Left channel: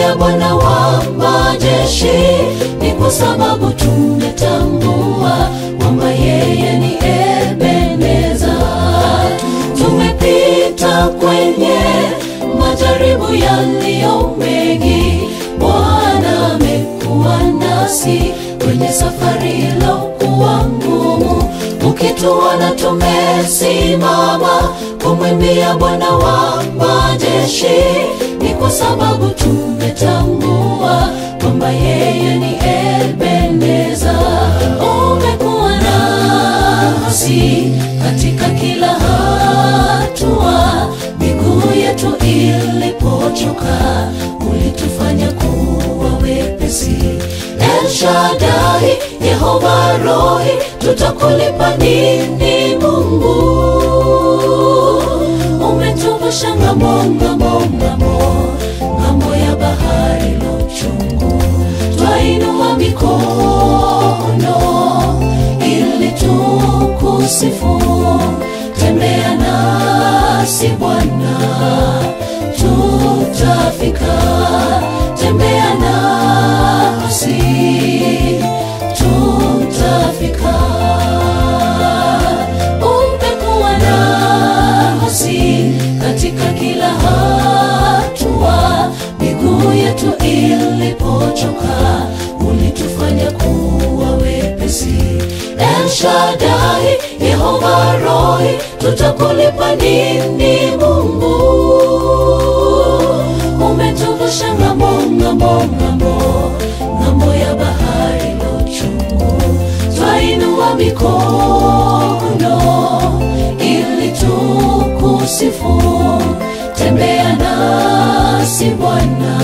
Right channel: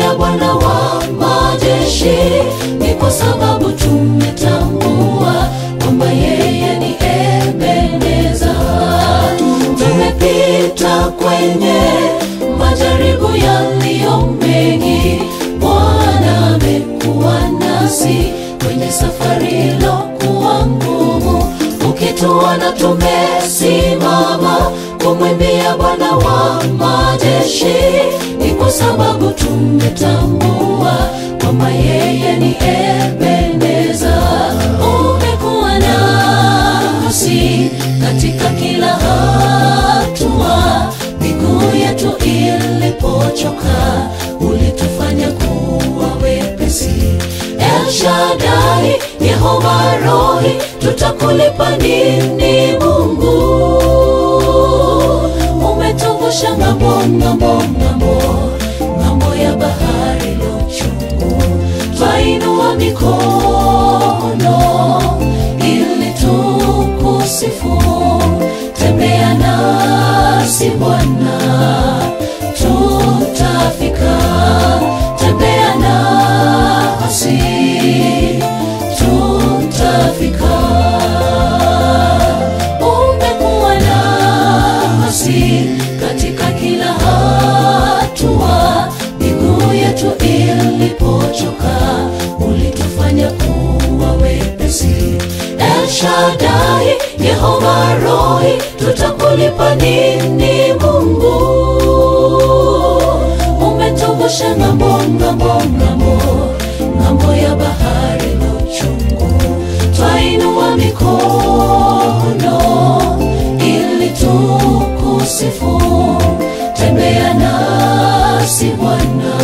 kumwimbia Bwana wa majeshi, ni kwa sababu tumetambua kwamba yeye ni Ebeneza. Tumepita kwenye majaribu yaliyo mengi, Bwana amekuwa nasi kwenye safari iliyokuwa ngumu. Ukituona tumesimama kumwimbia Bwana wa majeshi, ni kwa sababu tumetambua kwamba yeye ni Ebeneza. Umekuwa nasi katika kila hatua, miguu yetu ilipochoka ulitufanya kuwa wepesi. El Shaddai, Yehova Rohi, tutakulipa nini Mungu? Umetuvusha ng'ambo ya bahari lochungu. Twainua mikono ili tukusifu. Tembea nasi Bwana, tutafika. Tembea nasi, tutafika. Umekuwa nasi katika kila hatua, miguu yetu ilipochoka ulitufanya kuwa wepesi. El Shaddai, Yehova Rohi, tutakulipa nini Mungu? Umetuvusha ng'ambo ya bahari lochungu. Twainua mikono ili tukusifu. Tembea nasi Bwana,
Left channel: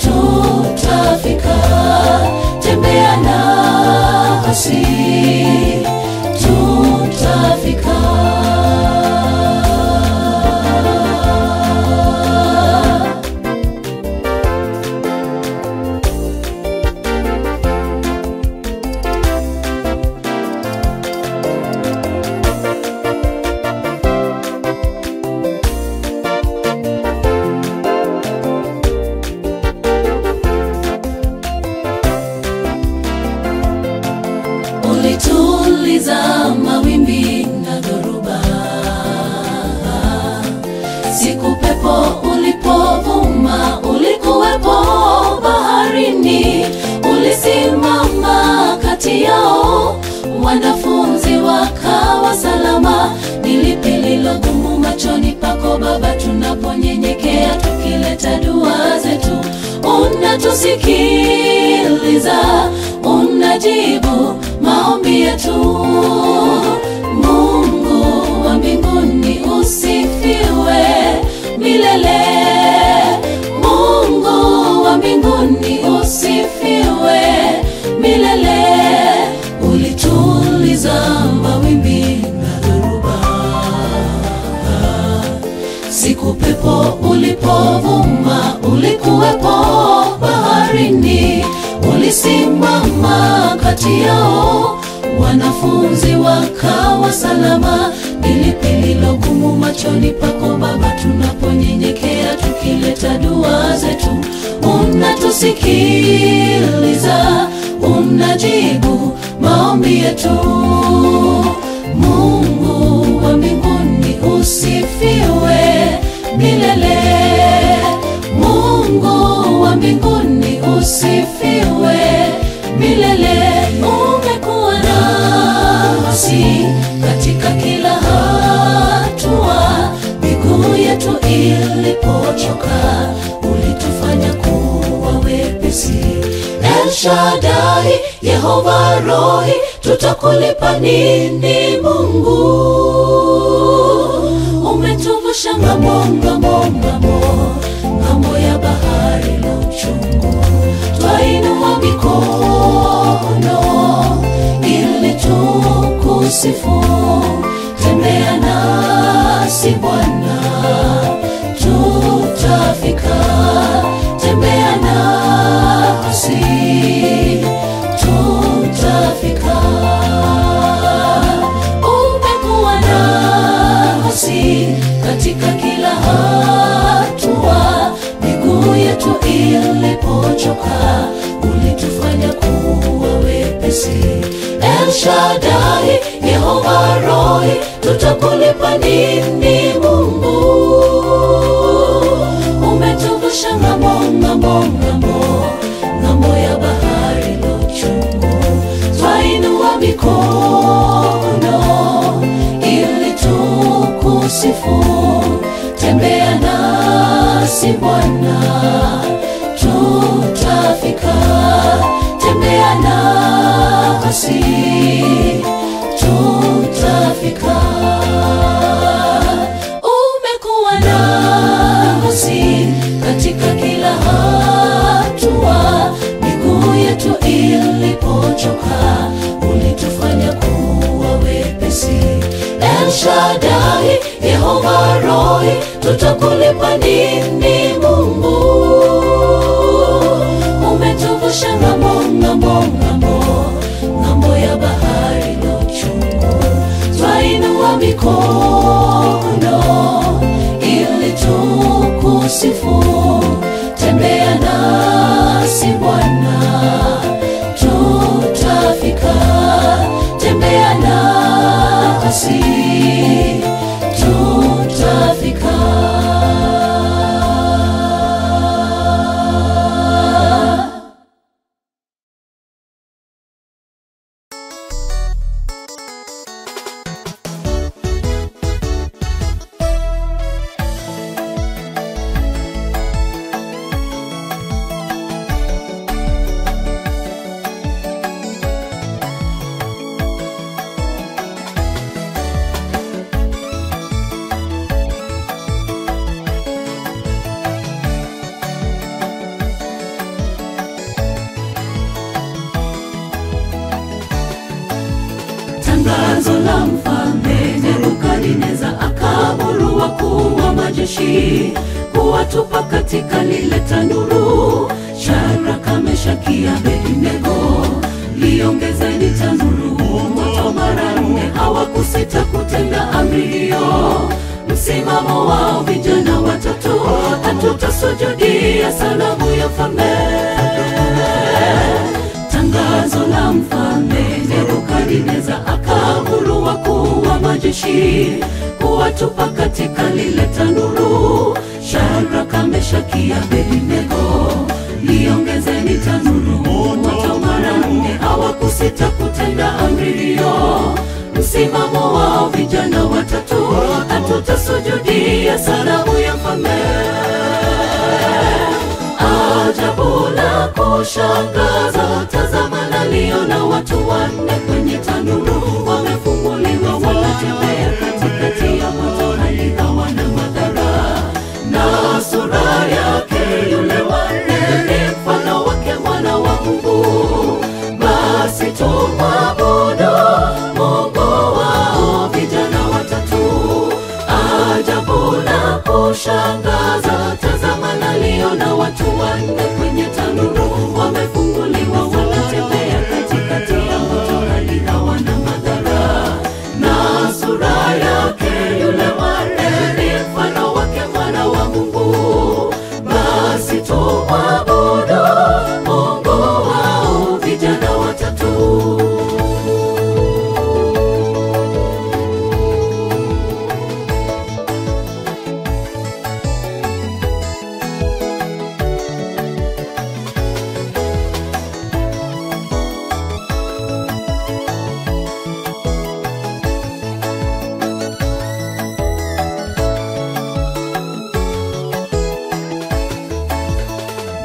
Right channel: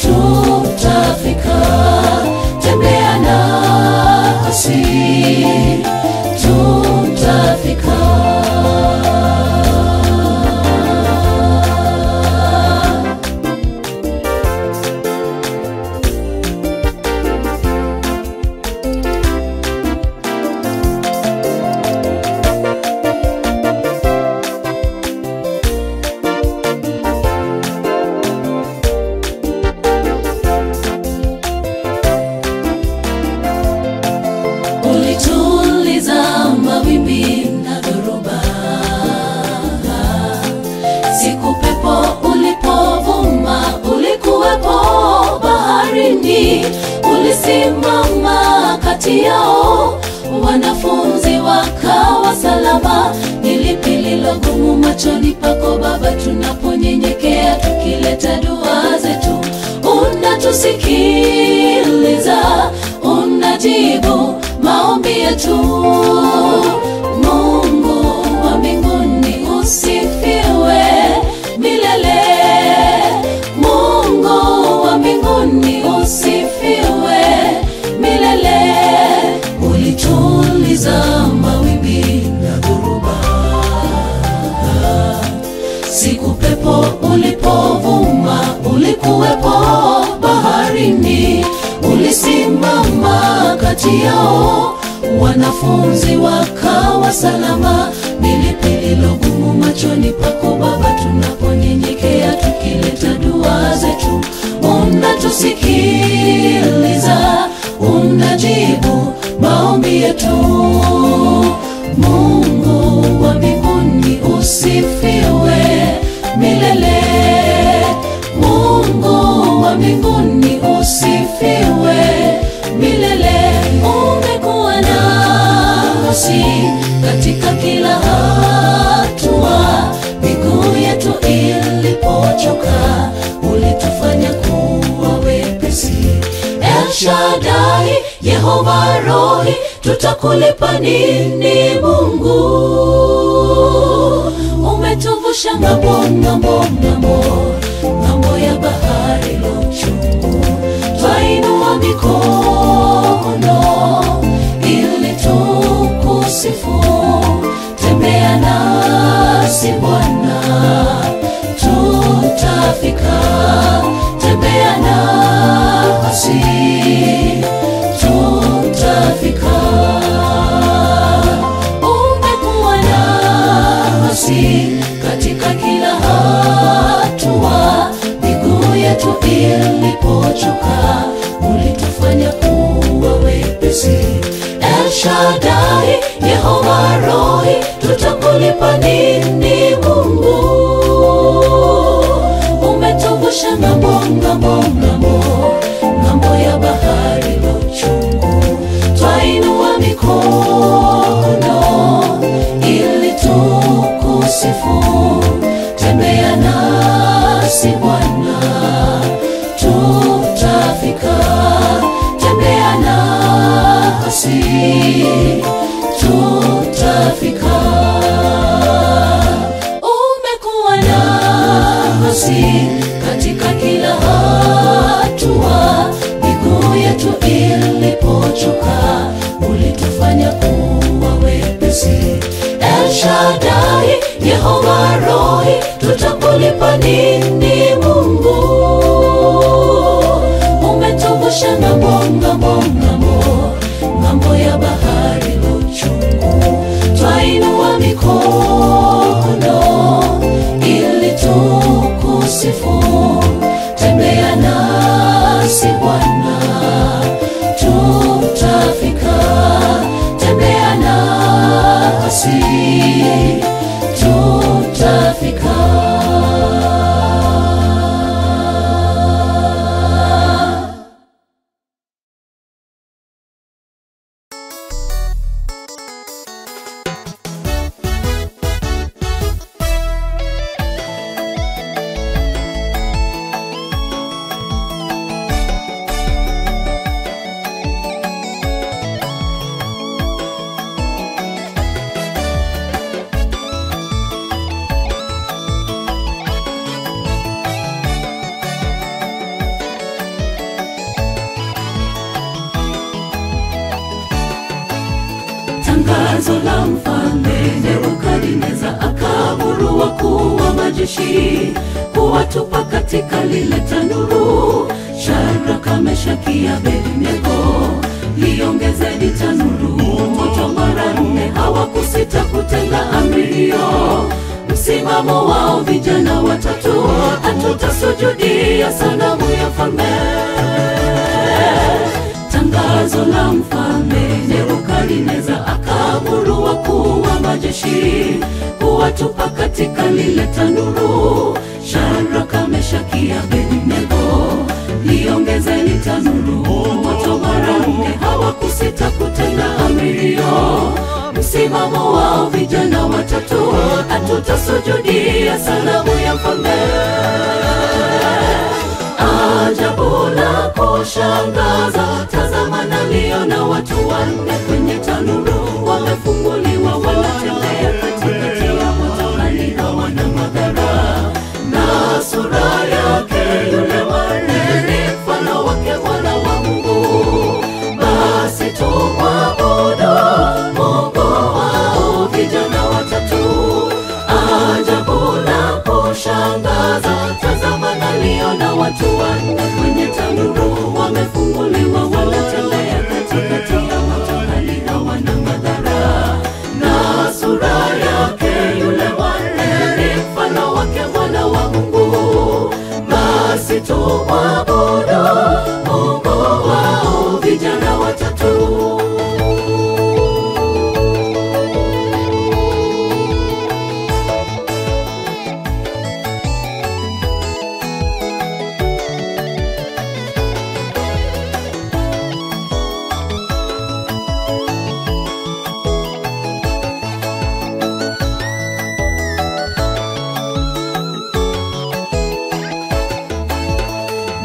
tutafika. Tembea nasi, tutafika. Ulituliza mawimbi na dhoruba, siku pepo ulipovuma ulikuwepo baharini. Ulisimama kati yao, wanafunzi wakawa salama. Ni lipi lilo gumu machoni pako Baba, tunaponyenyekea tukileta dua zetu? Unatusikiliza, unajibu maombi yetu. Mungu wa mbinguni usifiwe milele. Mungu wa mbinguni usifiwe milele. Ulituliza mawimbi na dhoruba, siku pepo ulipovuma ulikuwepo baharini. Ulisimama kati yao, wanafunzi wakawa salama. Ni lipi lilo gumu machoni pako Baba, tunaponyenyekea tukileta dua zetu? Unatusikiliza, unajibu maombi yetu. Mungu wa mbinguni usifiwe milele. Mungu wa mbinguni usifiwe milele. Umekuwa nasi katika kila hatua, miguu yetu ilipochoka ulitufanya kuwa wepesi. El Shaddai, Yehova Rohi, tutakulipa nini Mungu? Umetuvusha ng'ambo ya bahari lochungu. Twainua mikono ili tukusifu. Tembea nasi Bwana, tutafika. Tembea nasi, tutafika. Umekuwa nasi katika kila hatua, miguu yetu Shaddai, Yehova Rohi, tutakulipa nini Mungu? Umetuvusha ng'ambo, ng'ambo, ng'ambo, ng'ambo ya bahari la uchungu. Twainua mikono ili tukusifu. Tembea nasi Bwana, tutafika. Tembea nasi, tutafika. Umekuwa nasi katika kila hatua. Miguu yetu ilipochoka, ulitufanya kuwa wepesi. El Shaddai, Yehova Rohi, tutakulipa nini Mungu? Umetuvusha ng'ambo, ng'ambo, ng'ambo, ng'ambo ya bahari la uchungu. Twainua mikono ili tukusifu. Tembea nasi Bwana, tutafika. Tembea nasi, tutafika. Tangazo la mfalme Nebukadneza, akaamuru wakuu wa majeshi kuwatupa katika lile tanuru. Shadraka, Meshaki, Abednego, liongezeni tanuru moto mara 4. Hawakusita kutenda amri hiyo. Msimamo wao vijana watatu: hatutasujudia sanamu ya mfalme. Tangazo la mfalme Nebukadneza, akaamuru wakuu wa majeshi kuwatupa katika lile tanuru. Shadraka, Meshaki, Abednego, liongezeni tanuru moto mara 4. Hawakusita kutenda amri hiyo. Msimamo wao vijana watatu: hatutasujudia sanamu ya mfalme. Ajabu la kushangaza, tazama naliona watu 4 kwenye tanuru. Wamefunguliwa, wanatembea katikati ya moto, hali hawana madhara. Na sura yake yule wa 4 ni mfano wake Mwana wa Mungu. Basi tumwabudu Mungu wao vijana watatu. Ajabu la kushangaza, tazama naliona watu 4 kwenye tanuru. Wamefunguliwa, wanatembea katikati ya moto, hali hawana madhara. Na sura yake yule wa 4 ni mfano wake Mwana wa Mungu. Basi tumwabudu Mungu wao vijana watatu.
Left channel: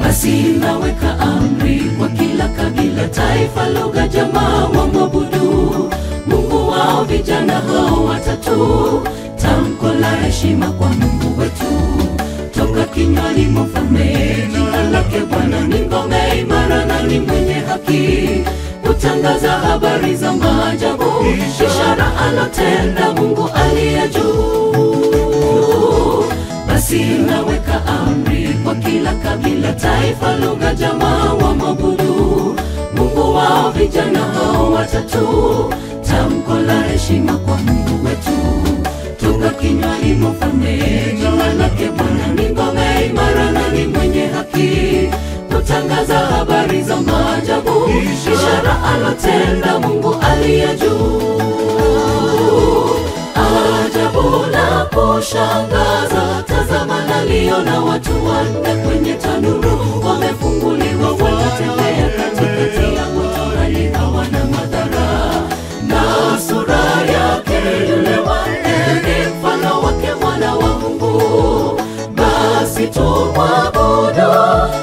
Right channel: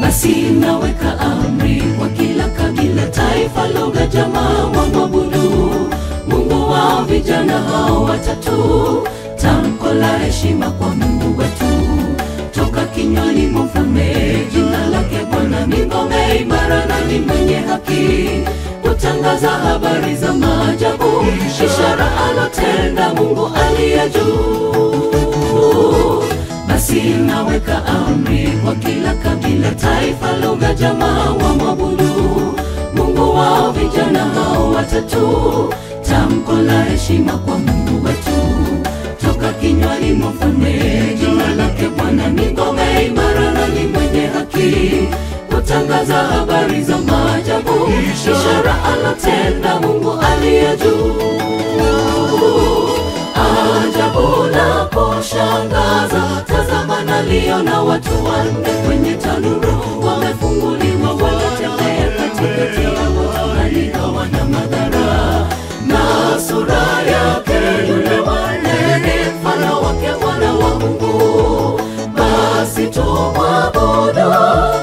Basi naweka amri kwa kila kabila, taifa, lugha, jamaa, wamwabudu Mungu wao vijana hao watatu. Tamko la heshima kwa Mungu wetu toka kinywani mwa mfalme. Jina lake Bwana ni ngome imara na ni mwenye haki. Kutangaza habari za maajabu, ishara alotenda Mungu aliye juu. Basi naweka amri kwa kila kabila, taifa, lugha, jamaa, wamwabudu Mungu wao vijana hao watatu. Tamko la heshima kwa Mungu wetu toka kinywani mwa mfalme. Jina lake Bwana ni ngome imara na ni mwenye haki. Kutangaza habari za maajabu, ishara alotenda Mungu aliye kushangaza, tazama naliona watu 4 kwenye tanuru, wamefunguliwa wanatembea katikati ya moto, hali hawana madhara. Na sura yake yule wale ni mfano wake Mwana wa Mungu. Basi tumwabudu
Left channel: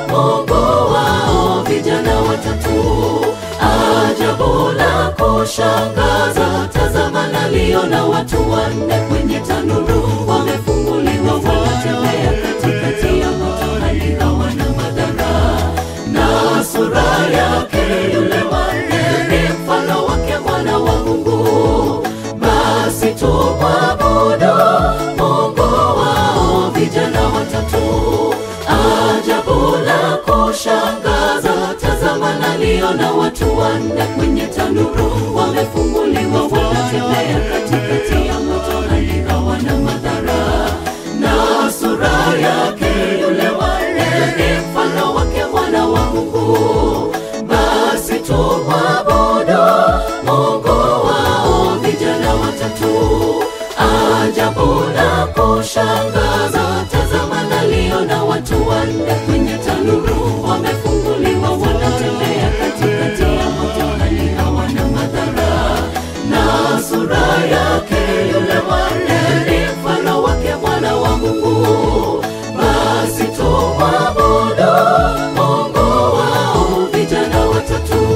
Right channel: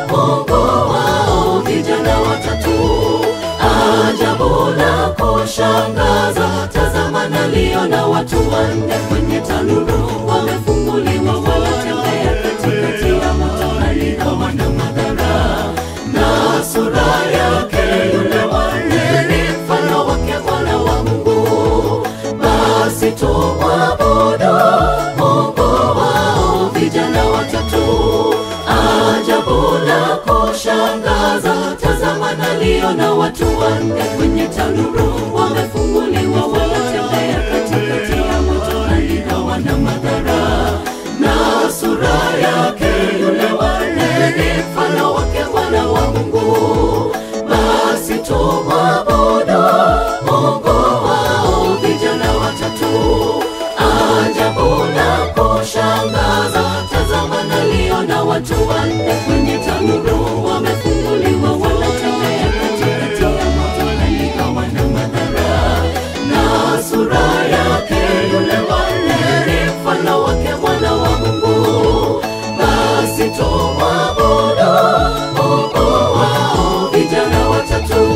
Mungu wao vijana watatu. Ajabu la kushangaza, tazama naliona watu 4 kwenye tanuru, wamefunguliwa wanatembea katikati ya moto, hali hawana madhara. Na sura yake yule wale ni mfano wake Mwana wa Mungu. Basi tumwabudu Mungu wao vijana watatu. Ajabu la kushangaza, tazama naliona watu 4 kwenye tanuru, wamefunguliwa wanatembea katikati ya moto, hali hawana madhara. Na sura yake yule wale ni mfano wake Mwana wa Mungu. Basi tumwabudu Mungu wao vijana watatu. Ajabu la kushangaza, tazama naliona watu 4 kwenye tanuru, wamefunguliwa wanatembea katikati ya moto, hali hawana madhara. Na sura yake yule wale ni mfano wake Mwana wa Mungu. Basi tumwabudu Mungu wao vijana watatu.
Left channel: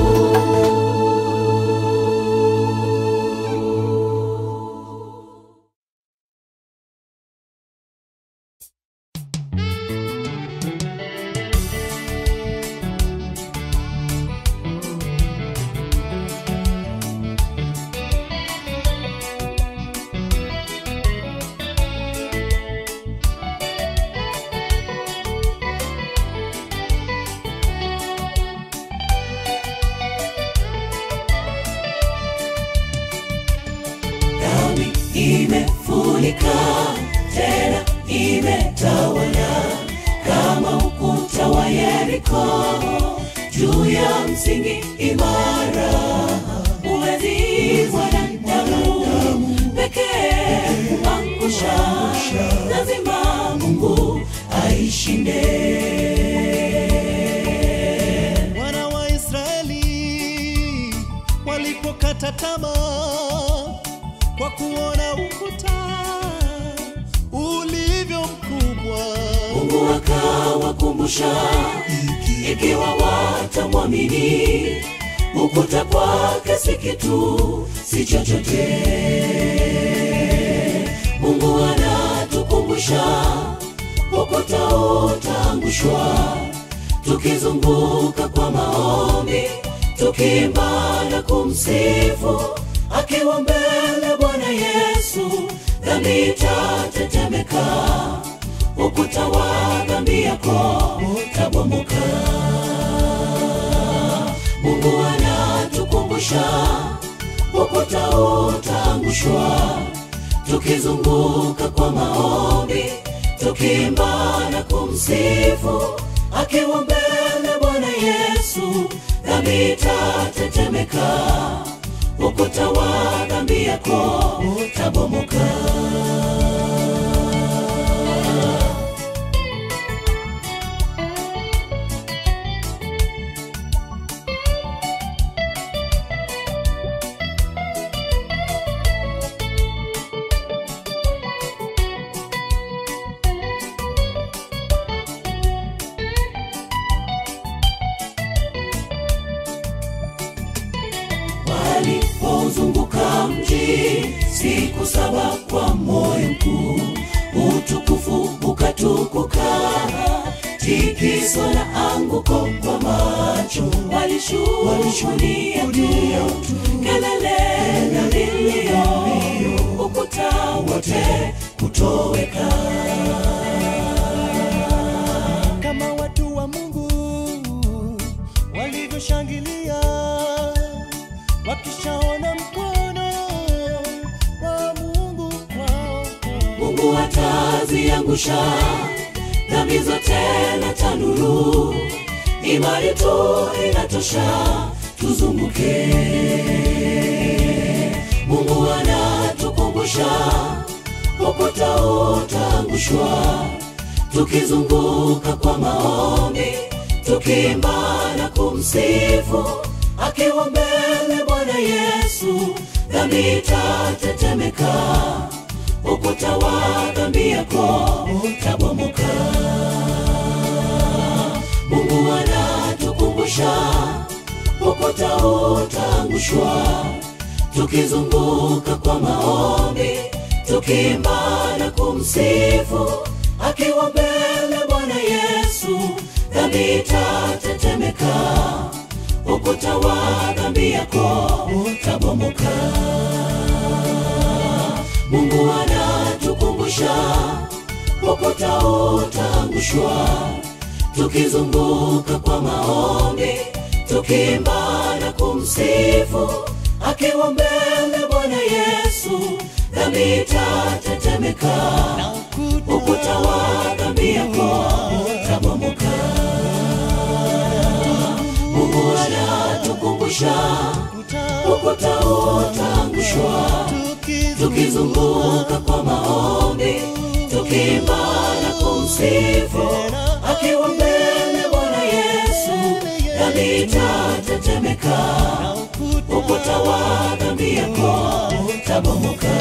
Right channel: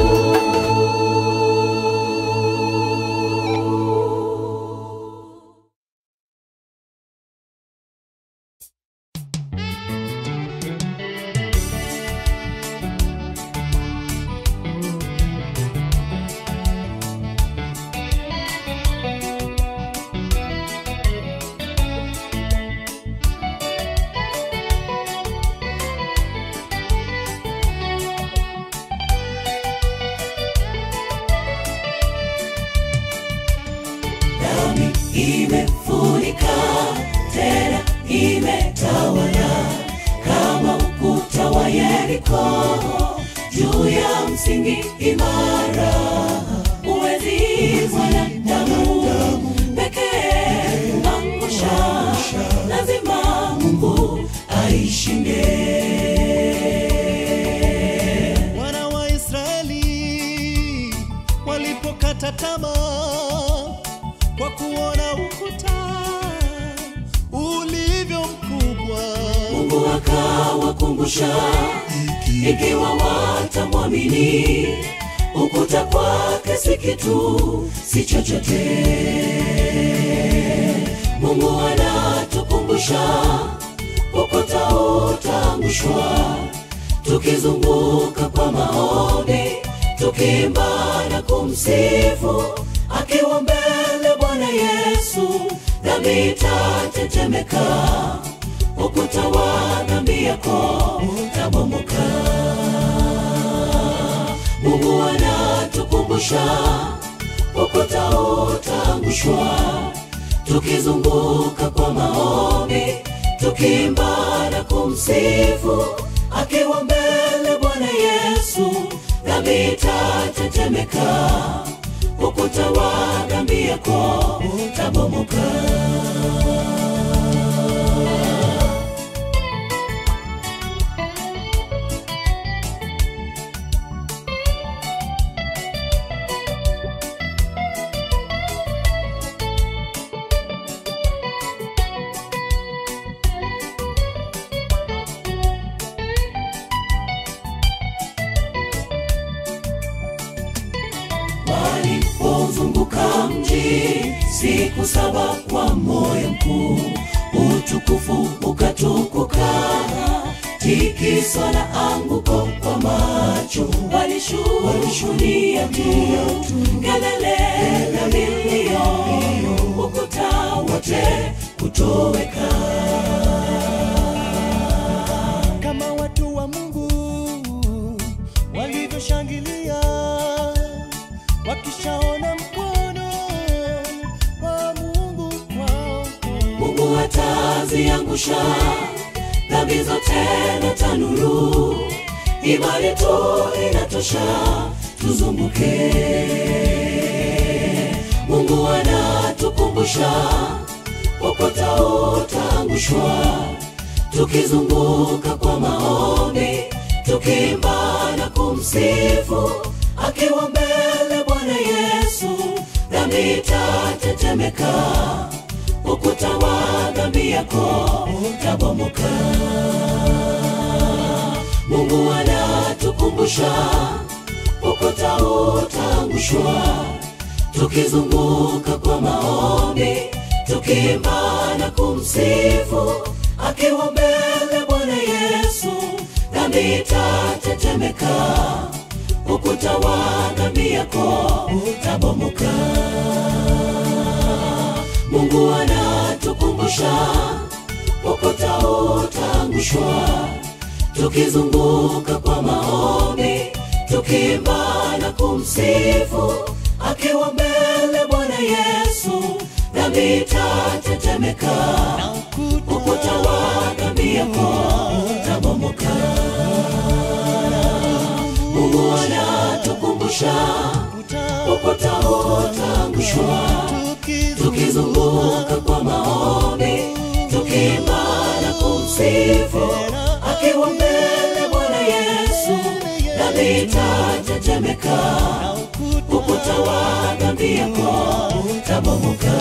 Dhambi imefunika tena imetawala kama ukuta wa Yeriko juu ya msingi imara. Uwezi mwanadamu pekee kuangusha, lazima Mungu aishinde. Wana wa Israeli walipokata tamaa kwa kuona ukuta ulivyo mkubwa, Mungu akawakumbusha, ikiwa watamwamini, ukuta kwake si kitu, si chochote. Mungu anatukumbusha, ukuta utaangushwa tukizunguka kwa maombi, tukiimba na kumsifu. Akiwa mbele Bwana Yesu, dhambi itatetemeka, ukuta wa dhambi yako utabomoka. Mungu anatukumbusha, ukuta utaangushwa tukizunguka kwa maombi, tukiimba na kumsifu. Akiwa mbele Bwana Yesu, dhambi itatetemeka, ukuta wa dhambi yako utabomoka. Walipozunguka mji siku 7 kwa moyo mkuu, utukufu ukatukuka, tikiswa na anguko kwa macho. Walishuhudia tu kelele na vilio, ukuta wote kutoweka. kama watu wa Mungu walivyoshangilia wakishaona mkono wa Mungu kwao. Mungu ataziangusha dhambi zote na tanuru, imani tu inatosha tuzunguke. Mungu anatukumbusha, ukuta tutaangushwa. Tukizunguka kwa maombi, tukiimba na kumsifu, akiwa mbele Bwana Yesu, dhambi itatetemeka, ukuta wa dhambi yako utabomoka. Mungu anatukumbusha, ukuta utaangushwa. Tukizunguka kwa maombi, tukiimba na kumsifu, akiwa mbele Bwana Yesu, dhambi itatetemeka, ukuta wa dhambi yako utabomoka. Mungu anatukumbusha, ukuta utaangushwa. Tukizunguka kwa maombi, tukiimba na kumsifu, akiwa mbele Bwana Yesu, dhambi itatetemeka, ukuta wa dhambi yako utabomoka. Mungu anatukumbusha, ukuta utaangushwa. Tukizunguka kwa maombi, tukiimba na kumsifu, akiwa mbele Bwana Yesu, dhambi itatetemeka, ukuta wa dhambi yako utabomoka.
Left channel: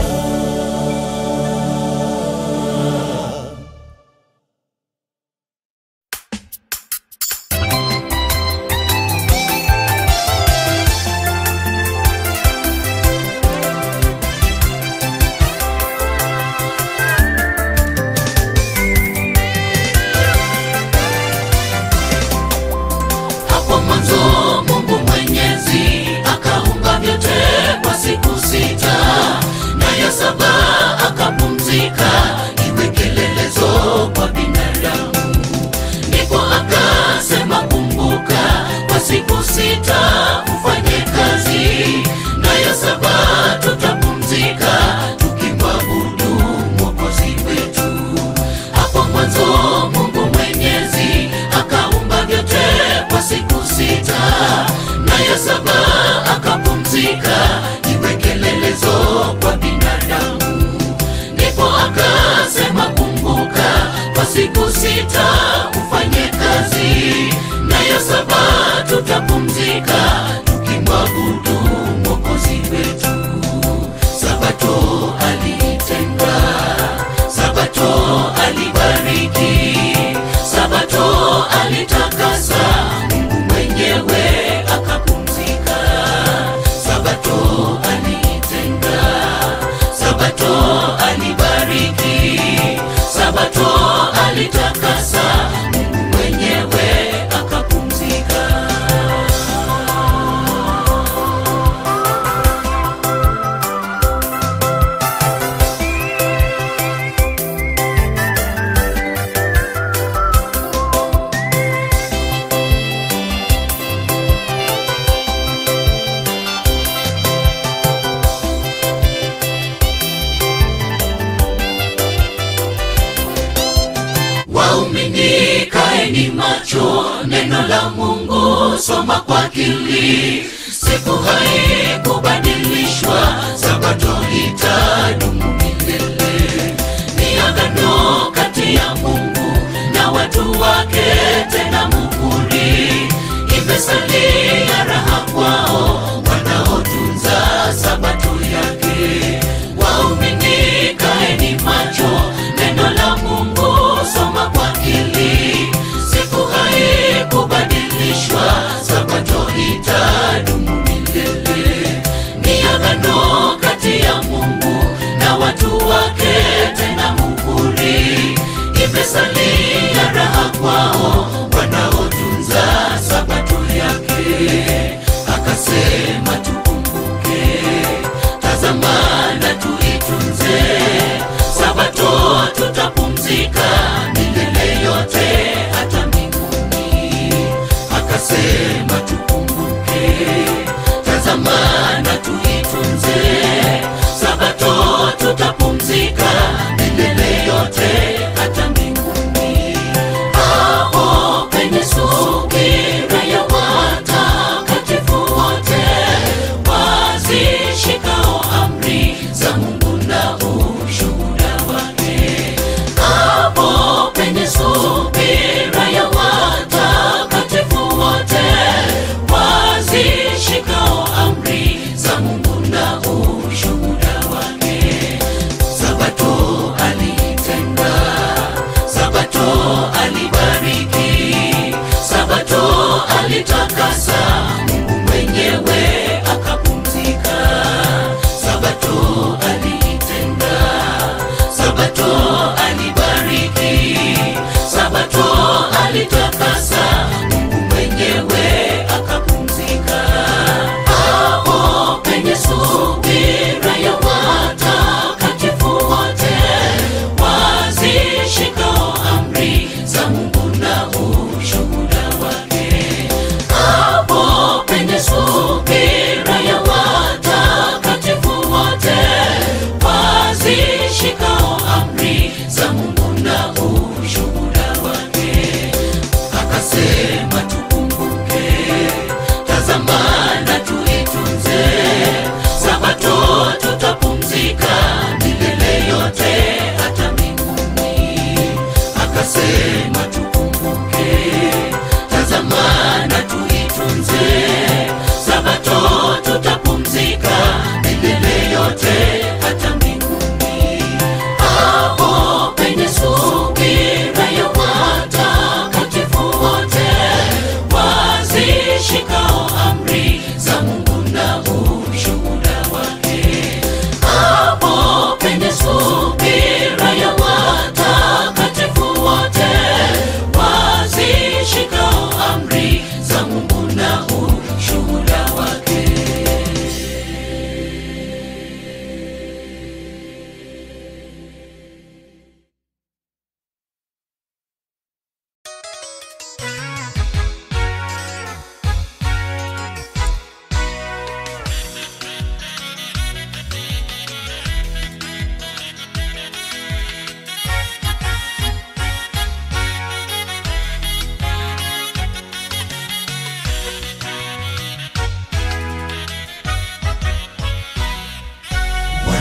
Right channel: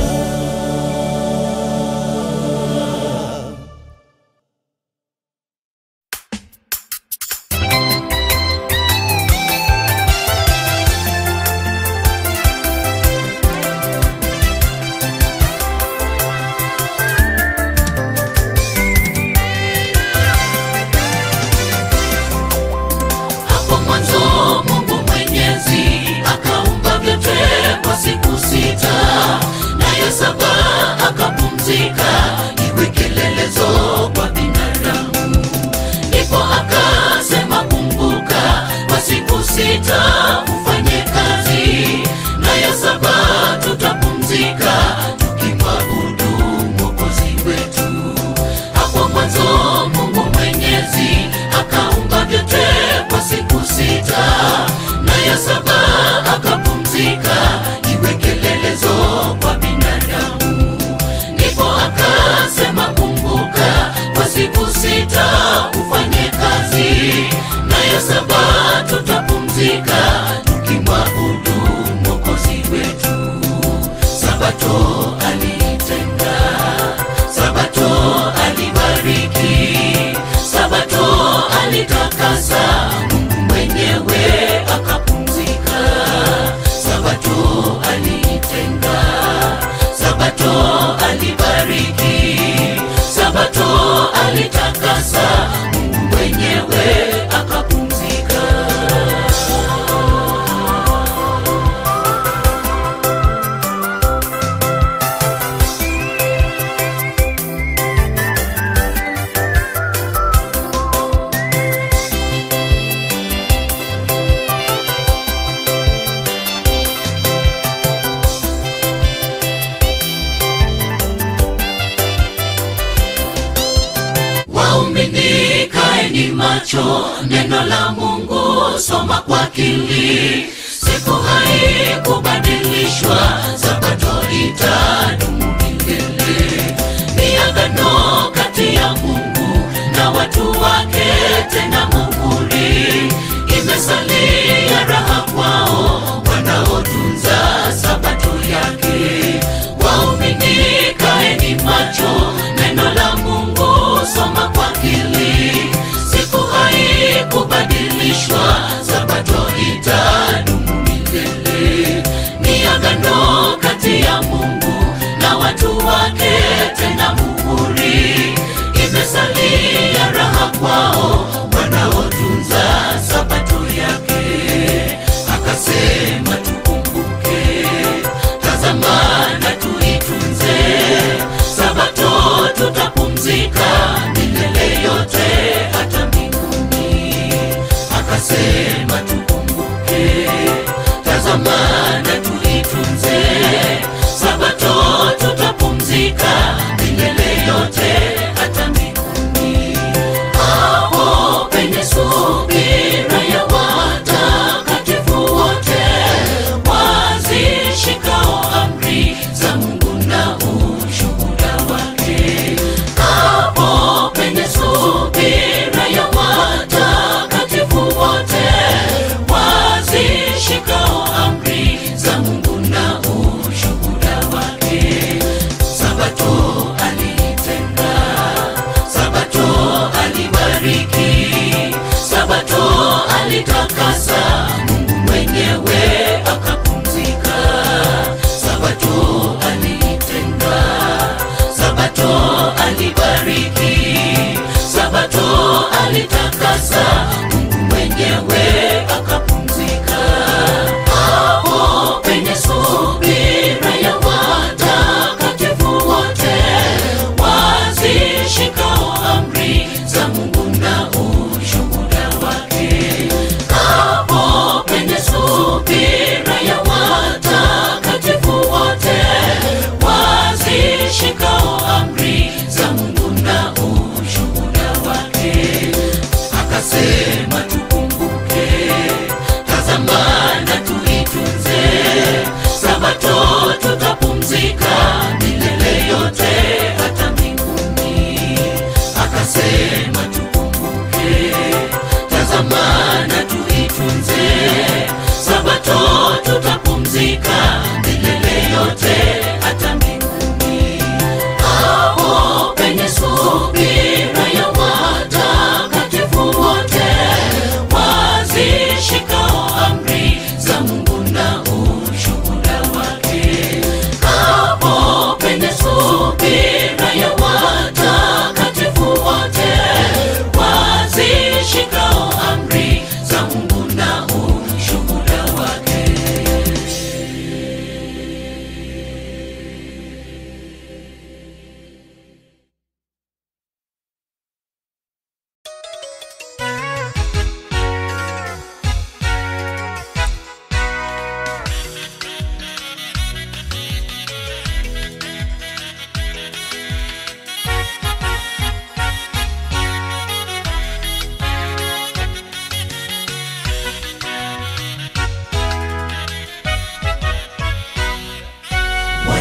Neno la Mungu soma kwa akili, siku haikubadilishwa, Sabato itadumu milele. Ni agano kati ya Mungu na watu wake, tena muhuri, imesalia raha kwao wanaotunza Sabato yake. Waumini kaeni macho, neno la Mungu soma kwa akili, kubadilishwa, Sabato itadumu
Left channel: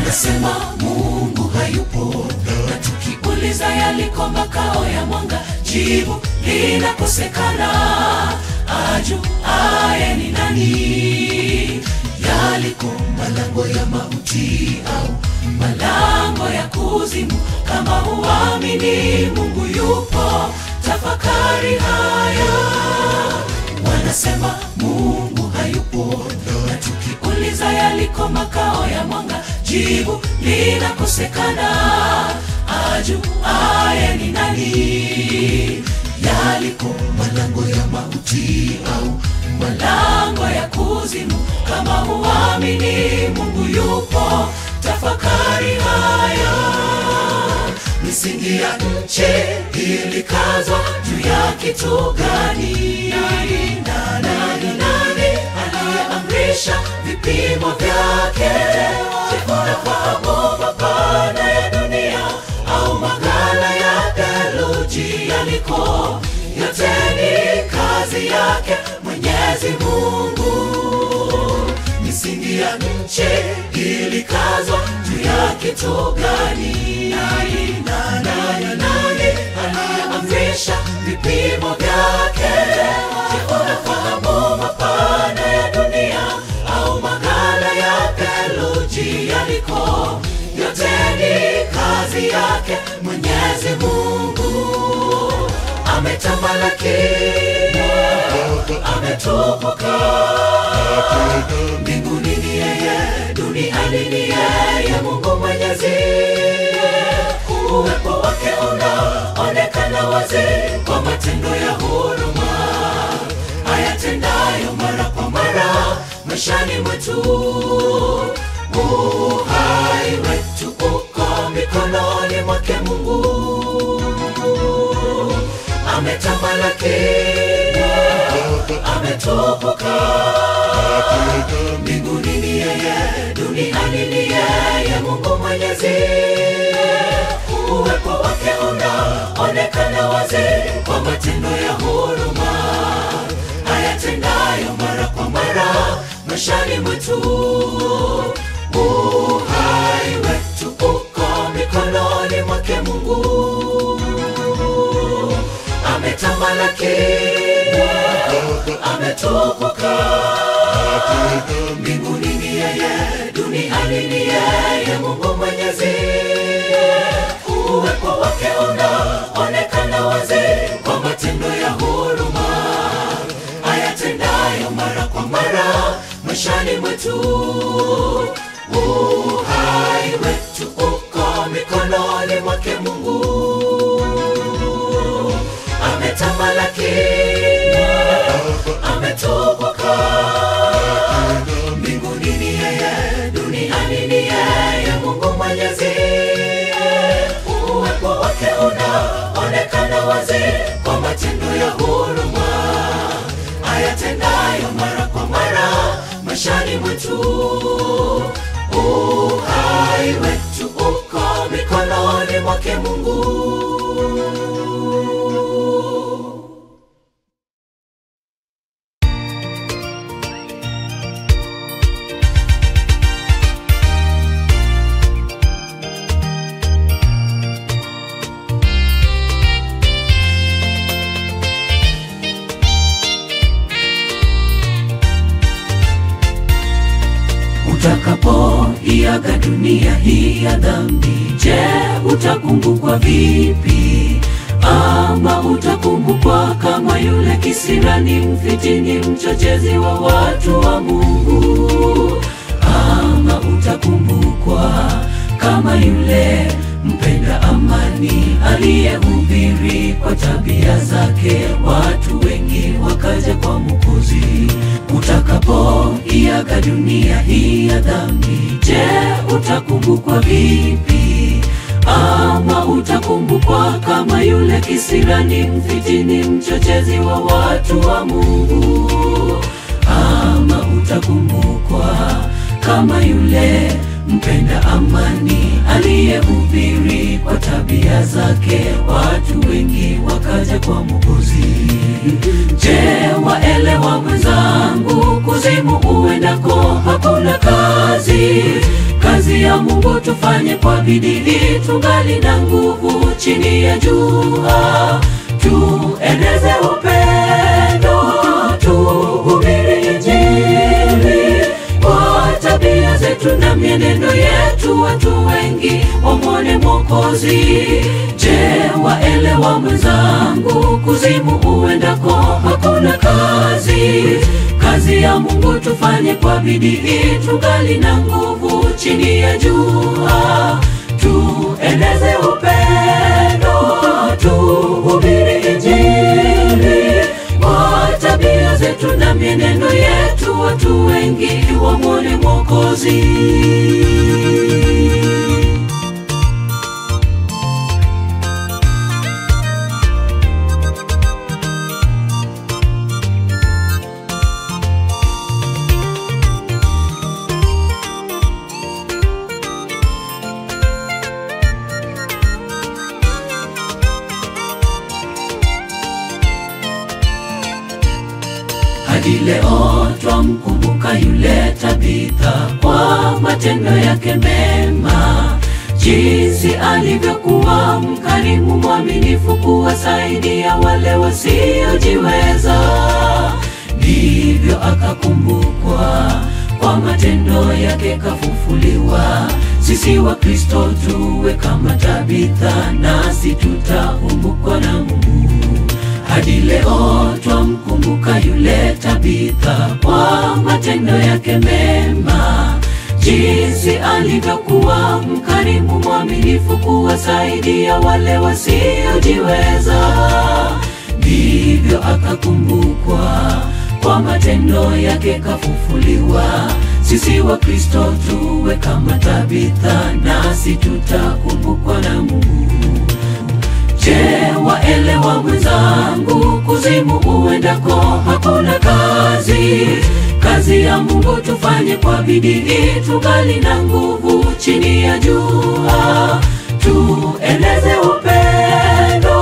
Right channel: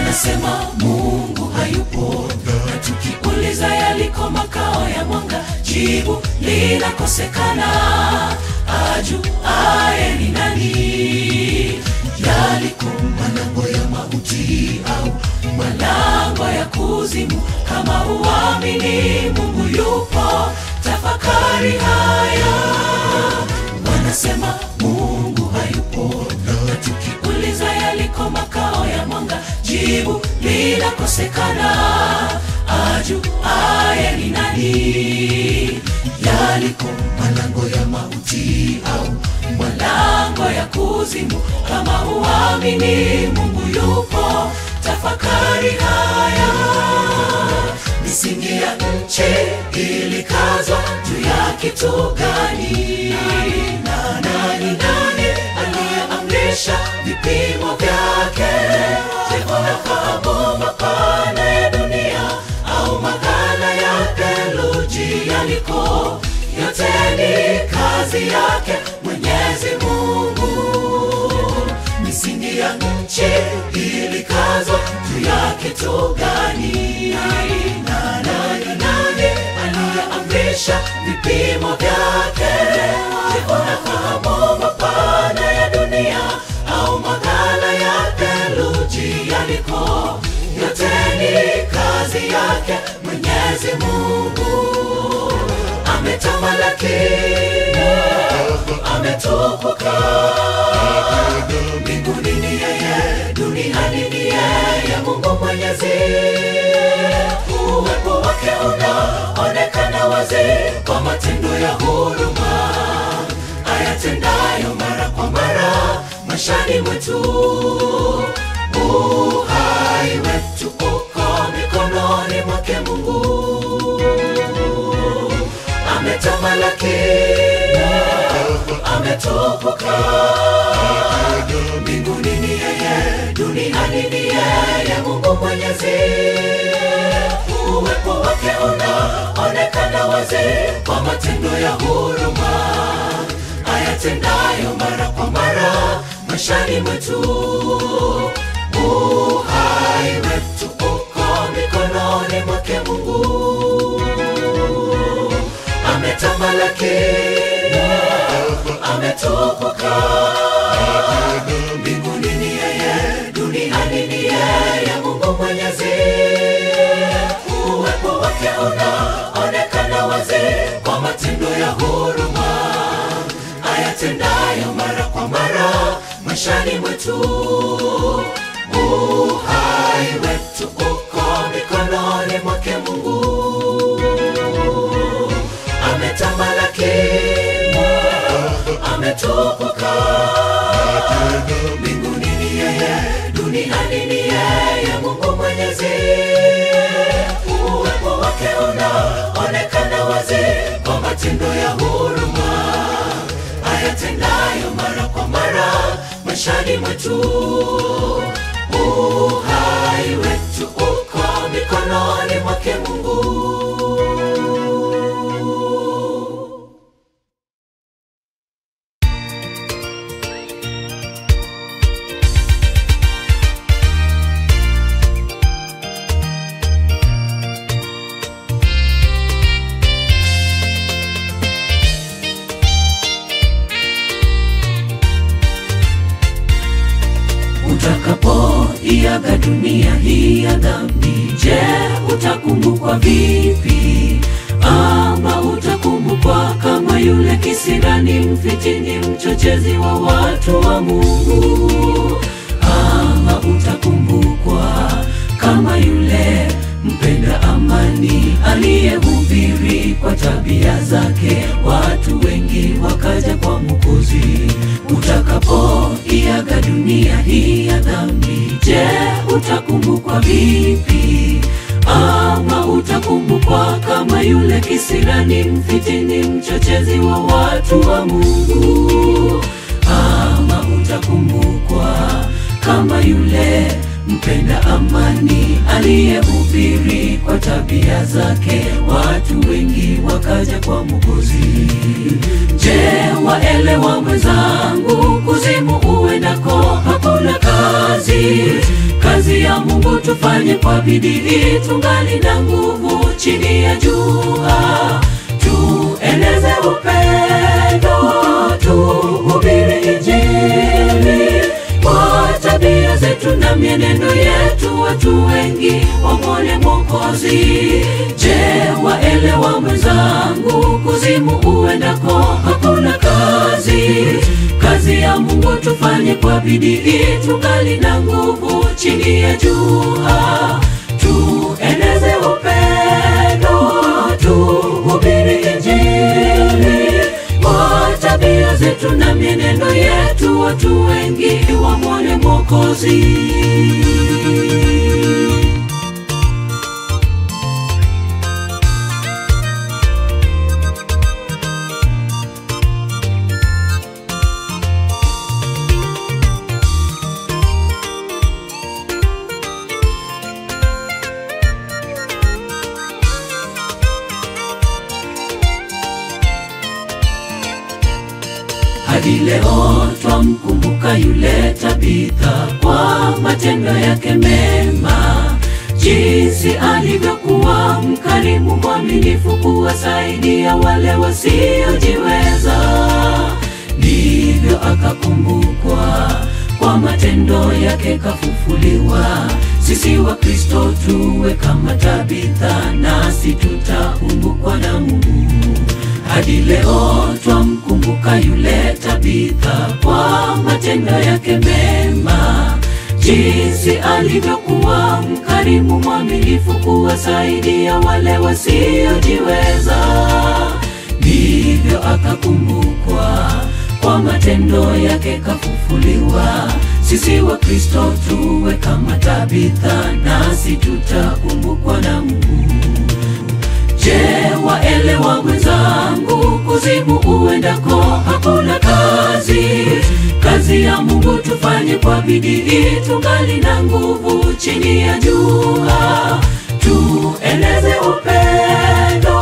Wanasema Mungu hayupo, na tukiuliza yaliko makao ya mwanga, jibu linakosekana. Ajuaye ni nani yaliko malango ya mauti au malango ya kuzimu? Kama huamini Mungu yupo, tafakari haya. Wanasema Mungu hayupo, na tukiuliza yaliko makao ya mwanga, jibu linakosekana. Ajuaye ni nani yaliko malango ya mauti au malango ya kuzimu? Kama huamini Mungu yupo, tafakari haya. Misingi ya nchi ilikazwa juu ya kitu gani? Nani aliyeamrisha vipimo vyake? Je, unafahamu mapana ya dunia au maghala ya theluji yaliko? Yote ni kazi yake Mwenyezi Mungu. Misingi ya nchi ilikazwa juu ya kitu gani? Nani aliyeamrisha vipimo vyake? Je, unafahamu mapana ya dunia au maghala ya theluji yaliko? Yote ni kazi yake Mwenyezi Mungu. Ametamalaki, ametukuka. Mbinguni ni yeye, duniani ni yeye, Mungu Mwenyezi. Uwepo wake unaonekana wazi kwa matendo ya huruma ayatendayo mara kwa mara maishani mwetu. Uhai wetu uko mikononi mwake Mungu. Ametamalaki, ametukuka. Mbinguni ni yeye, duniani ni yeye, Mungu Mwenyezi. Uwepo wake unaonekana wazi kwa matendo ya huruma ayatendayo mara kwa mara maishani mwetu. Uhai wetu uko mikononi mwake Mungu. Ametamalaki, ametukuka. Mbinguni ni yeye, duniani ni yeye, Mungu Mwenyezi. Uwepo wake unaonekana wazi kwa matendo ya huruma ayatendayo mara kwa mara maishani mwetu. Uhai wetu uko mikononi mwake Mungu. Ametamalaki, ametukuka. Mbinguni ni yeye, duniani ni yeye, Mungu Mwenyezi. Uwepo wake unaonekana wazi kwa matendo ya huruma ayatendayo mara kwa mara maishani mwetu. Uhai wetu uko mikononi mwake Mungu. Utakapoiaga dunia hii ya dhambi, je, utakumbukwa vipi? Ama utakumbukwa kama yule kisirani, mfitini, mchochezi wa watu wa Mungu? Ama utakumbukwa kama yule mpenda amani aliyehubiri kwa tabia zake watu wengi wakaja kwa Mwokozi? Utakapoiaga dunia hii ya dhambi, je, utakumbukwa vipi? Ama utakumbukwa kama yule kisirani, mfitini, mchochezi wa watu wa Mungu? Ama utakumbukwa kama yule mpenda amani aliyehubiri kwa tabia zake watu wengi wakaja kwa Mwokozi? Je, waelewa mwenzangu, kuzimu uendako hakuna kazi ya Mungu tufanye kwa bidii tungali na nguvu chini ya jua. Tueneze upendo, tuhubiri Injili kwa tabia zetu na mienendo yetu, watu wengi wamwone Mwokozi. Je, waelewa mwenzangu, kuzimu uendako hakuna kazi? Kazi ya Mungu tufanye kwa bidii tungali na nguvu chini ya jua. Tueneze upendo, tuhubiri Injili kwa tabia zetu na mienendo yetu, watu wengi wamwone Mwokozi. Hadi leo twamkumbuka yule Tabitha kwa matendo yake mema, jinsi alivyokuwa mkarimu mwaminifu kuwasaidia wale wasiojiweza. Ndivyo akakumbukwa kwa matendo yake kafufuliwa. Sisi wa Kristo tuwe kama Tabitha, nasi tutakumbukwa na Mungu. Hadi leo twamkumbuka yule Tabitha kwa matendo yake mema, jinsi alivyokuwa mkarimu mwaminifu kuwasaidia wale wasiojiweza. Ndivyo akakumbukwa kwa matendo yake kafufuliwa. Sisi wa Kristo tuwe kama Tabitha, nasi tutakumbukwa na Mungu. Je, waelewa mwenzangu, kuzimu uendako hakuna kazi? Kazi ya Mungu tufanye kwa bidii tungali na nguvu chini ya jua. Tueneze upendo,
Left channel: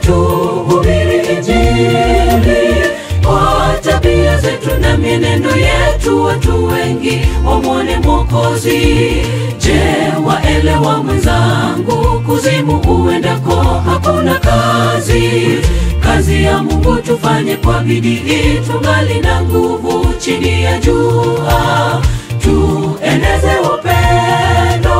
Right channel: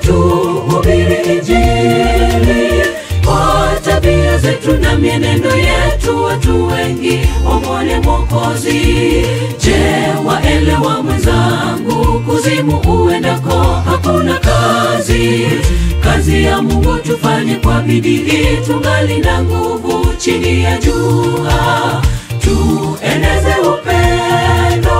tuhubiri Injili kwa tabia zetu na mienendo yetu, watu wengi wamwone Mwokozi. Je, waelewa mwenzangu, kuzimu uendako hakuna kazi? Kazi ya Mungu tufanye kwa bidii tungali na nguvu chini ya jua. Tueneze upendo,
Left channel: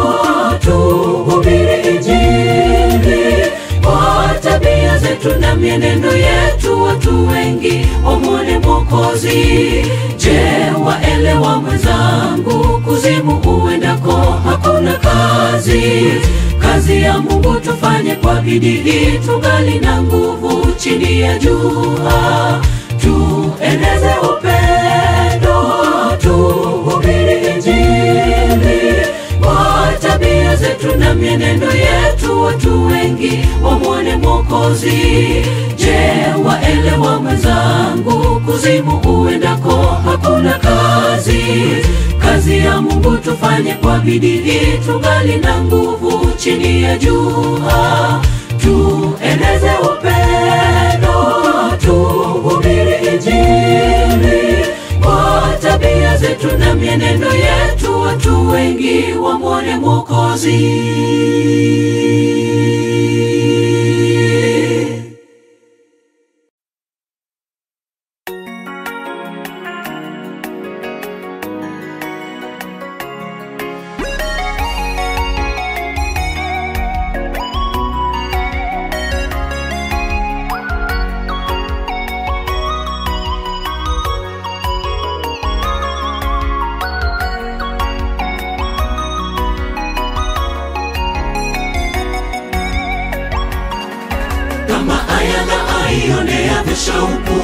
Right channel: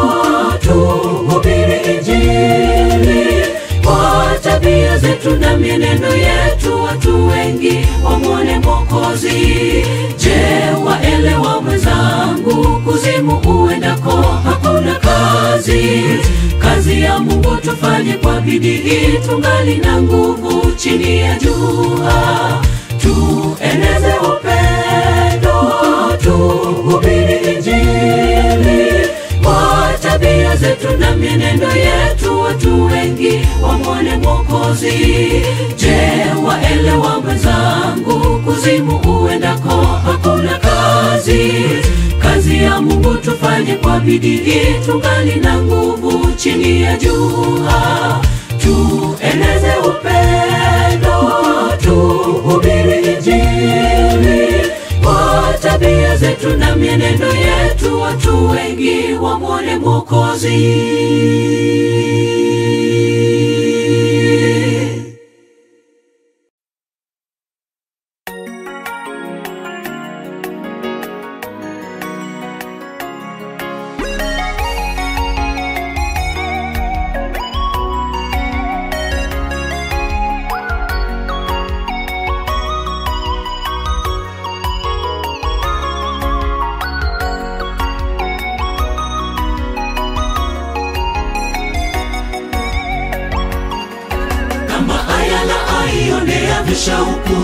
tuhubiri Injili kwa tabia zetu na mienendo yetu, watu wengi wamwone Mwokozi. Je, waelewa mwenzangu, kuzimu uendako hakuna kazi? Kazi ya Mungu tufanye kwa bidii tungali na nguvu chini ya jua. Tueneze upendo, tuhubiri Injili kwa tabia zetu na mienendo yetu, watu wengi wamwone Mwokozi. Je, waelewa mwenzangu, kuzimu uendako hakuna kazi? Kazi ya Mungu tufanye kwa bidii tungali na nguvu chini ya jua. Tueneze upendo, tuhubiri Injili kwa tabia zetu na mienendo yetu, watu wengi wamwone Mwokozi. Shauku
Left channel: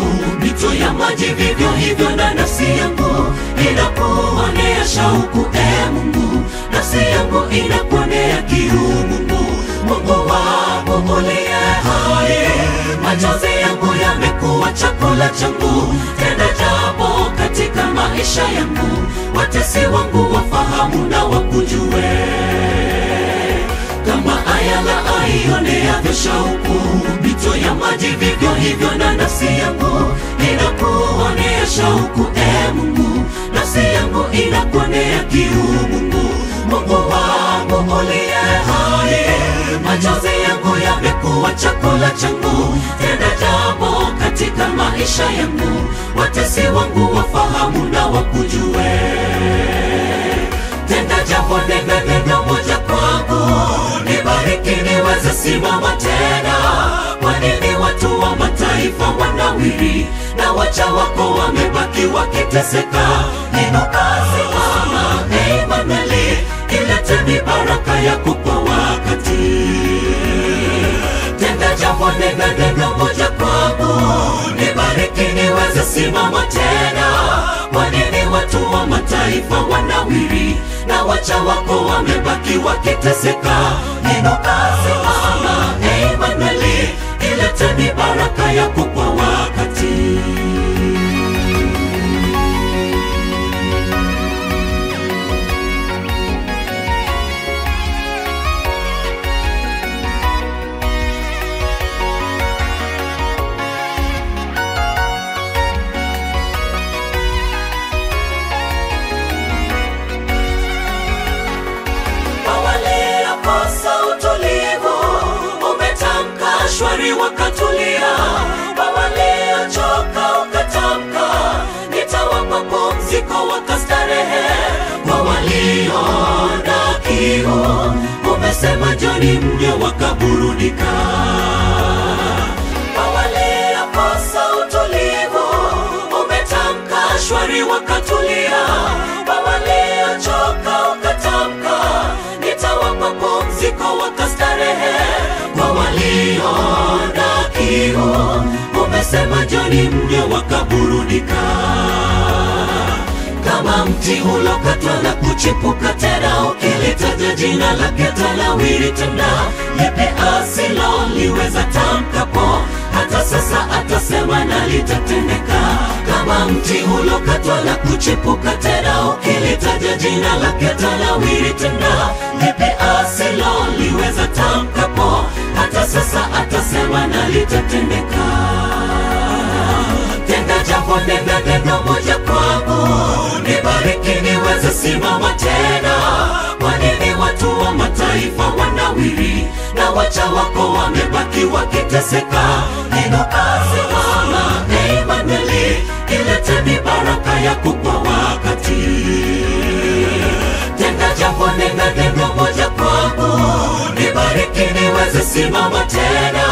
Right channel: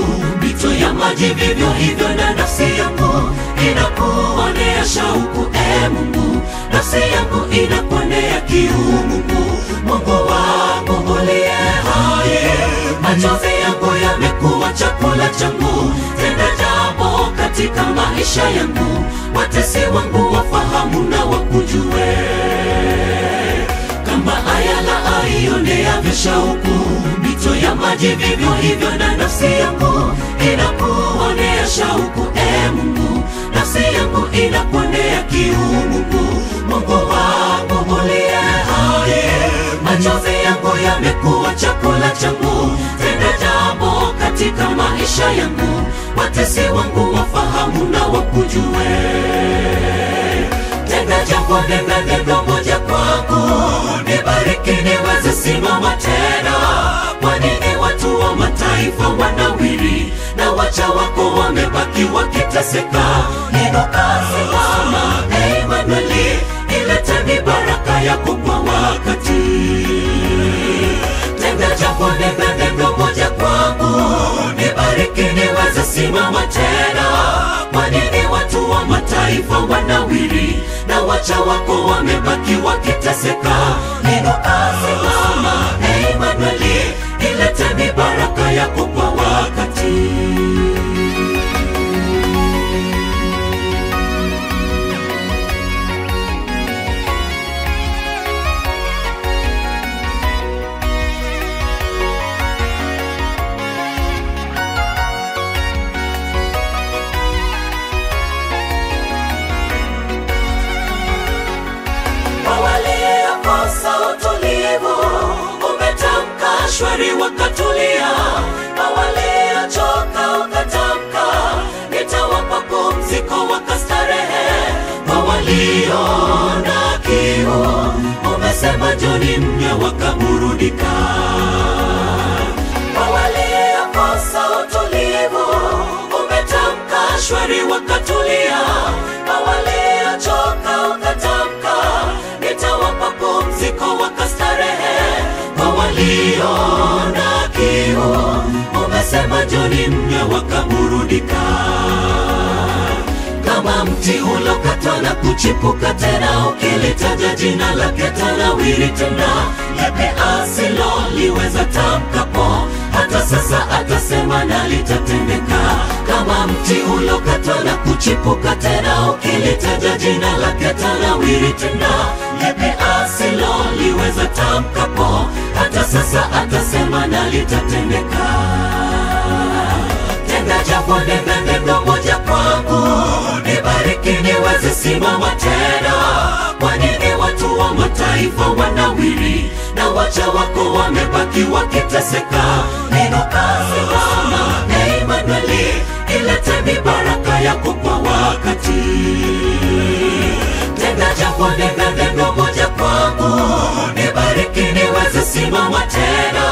mito ya maji, vivyo hivyo na nafsi yangu inakuonea shauku. Mungu, nafsi yangu inakuonea kiu. Mungu wangu uliye hai, machozi yangu yamekuwa chakula changu. Tenda jambo katika maisha yangu, watesi wangu wafahamu na wakujue. Kama ayala aioneavyo shauku mito ya maji, vivyo hivyo na nafsi yangu inakuonea shauku. Mungu, nafsi yangu inakuonea kiu. Mungu wangu machozi yangu yamekuwa chakula changu. Tenda jambo katika maisha yangu, watesi wangu wafahamu na wakujue. Tenda jambo, nenda neno moja kwangu, nibariki niweze simama tena. Kwa nini watu wa mataifa wanawiri na wacha wako wamebaki wakiteseka? Inuka simama, Emanueli, ilete mibaraka yako kwa wakati. Tenda jambo, nenda neno moja kwangu, nibariki niweze simama tena. Kwa nini watu wa mataifa wanawiri na wacha wako wamebaki wakiteseka? Inuka simama, Emanueli, ilete mibaraka yako kwa wakati. Shwari wakatulia, waliochoka ukatamka, nitawapa pumziko wakastarehe. Kwa walio na kiu, umesema njoni mnywe wakaburudika. Kwa waliokosa utulivu, umetamka shwari wakatulia, waliochoka ukatamka, nitawapa pumziko wakastarehe. Kwa walio na kiu, umesema njoni mnywe wakaburudika. Kama mti ulokatwa na kuchipuka tena, ukilitaja jina lake tanawiri tena. Yepe asiloliweza tamkapo, hata sasa atasema na litatendeka. Kama mti ulokatwa na kuchipuka tena, ukilitaja jina lake tanawiri tena. Yepe asiloliweza tamkapo, hata sasa atasema na litatendeka. Tenda jambo, nenda neno moja kwangu, nibariki niweze simama tena. Kwa nini watu wa mataifa wanawiri na wacha wako wamebaki wakiteseka? Inuka simama, Emanueli, ilete mibaraka yako kwa wakati. Tenda jambo, nenda neno moja kwangu, nibariki niweze simama tena.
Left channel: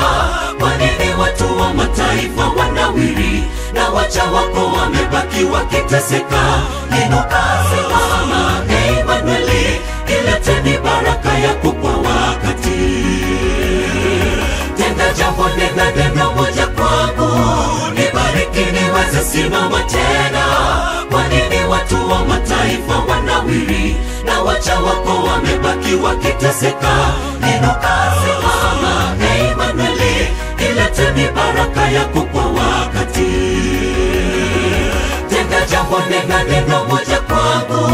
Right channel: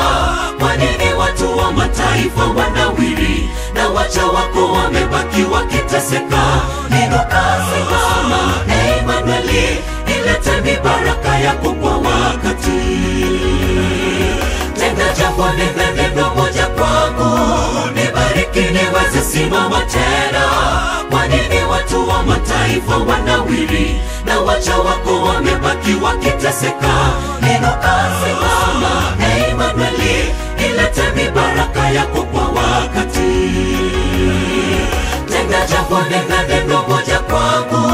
Kwa nini watu wa mataifa wanawiri na wacha wako wamebaki wakiteseka? Inuka simama, Emanueli, ilete mibaraka yako kwa wakati. Tenda jambo, nenda neno moja kwangu, nibariki niweze simama tena. Kwa nini watu wa mataifa wanawiri na wacha wako wamebaki wakiteseka? Inuka simama, Emanueli, ilete mibaraka yako kwa wakati. Tenda jambo, nenda neno moja kwangu,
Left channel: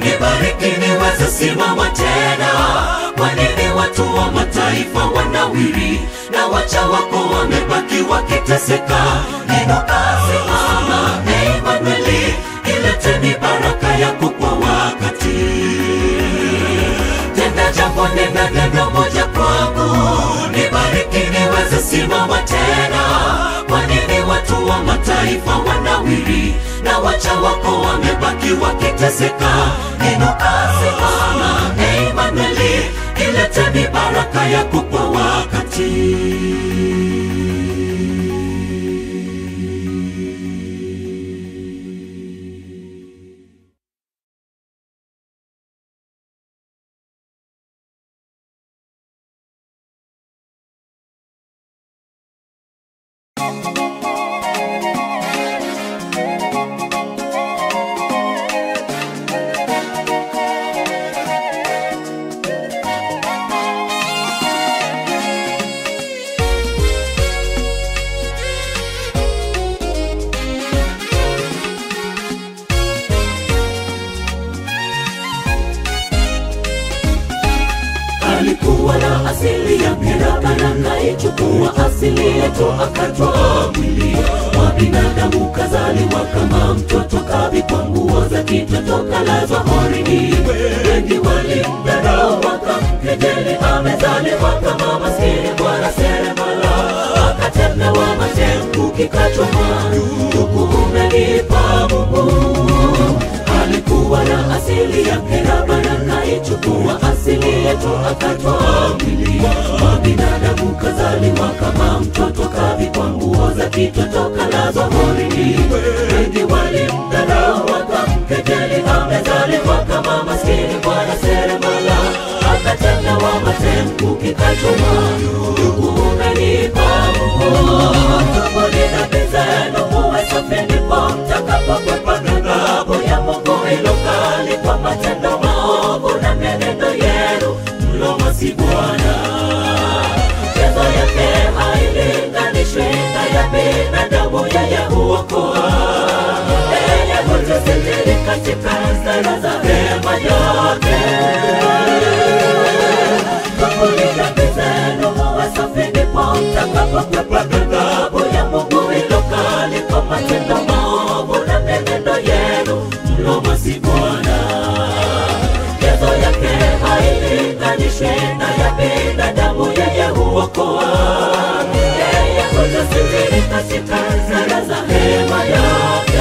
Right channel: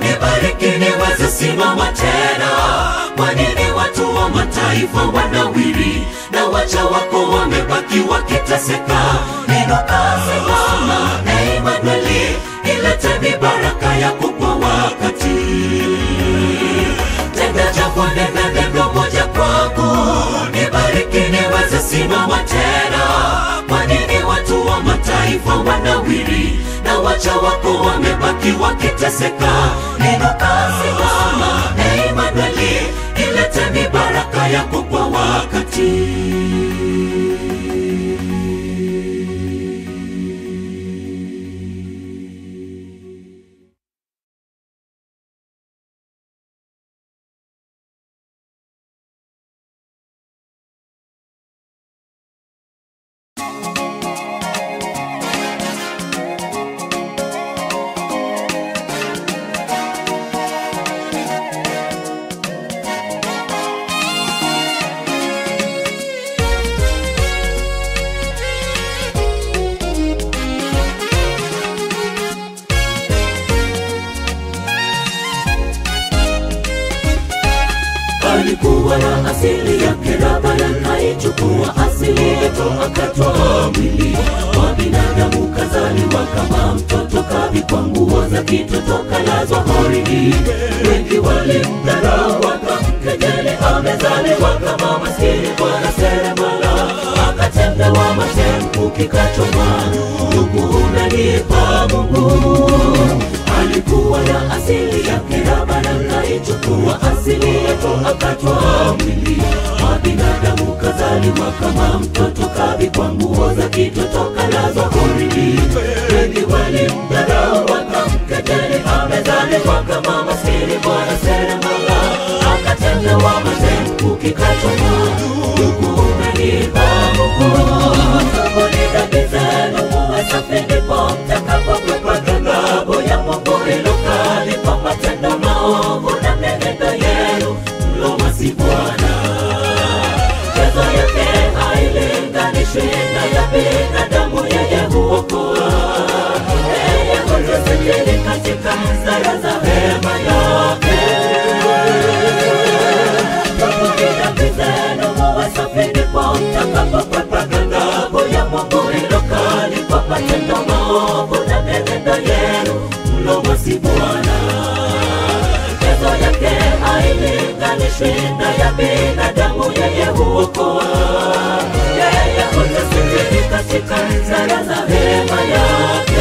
nibariki niweze simama tena. Kwa nini watu wa mataifa wanawiri na wacha wako wamebaki wakiteseka? Inuka simama, Emanueli, ilete mibaraka yako kwa wakati. Tenda jambo, nenda neno moja kwangu, nibariki niweze simama tena. Kwa nini watu wa mataifa wanawiri na wacha wako wamebaki wakiteseka? Inuka simama, Emanueli, ilete mibaraka yako kwa wakati. alikuwa na asili ya Kiraba na kaichukua asili yetu akatoa mwili wa binadamu, kazaliwa kama mtoto, kavikwa nguo za kitoto, kalazwa horini. Wengi walimdharau wakamkejeli, amezaliwa kama akatwaa mwili wa binadamu, kazaliwa kama mtoto, kavikwa nguo za kitoto, kalazwa horini. Wengi walimdharau wakamkejeli, amezaliwa kama maskini bwana seremala, akatendewa matendo kikachoma. Ndugu umenipa Mungu, sabuni dhambi zenu muwe safi, ndipo mtakapokwepa ghadhabu ya Mungu ilokali kwa matendo maovu na menendo yenu mlomwasi Bwana. Chezo yake hailinganishwi na ya binadamu, yeye huokoa, yeye hutusitiri katika hasara za hema yake. Sabuni dhambi zenu muwe safi, ndipo mtakapokwepa ghadhabu ya Mungu ilokali kwa matendo maovu na menendo yenu mlomwasi Bwana. Chezo yake hailinganishwi na ya binadamu, yeye huokoa, yeye hutusitiri katika hasara za hema yake.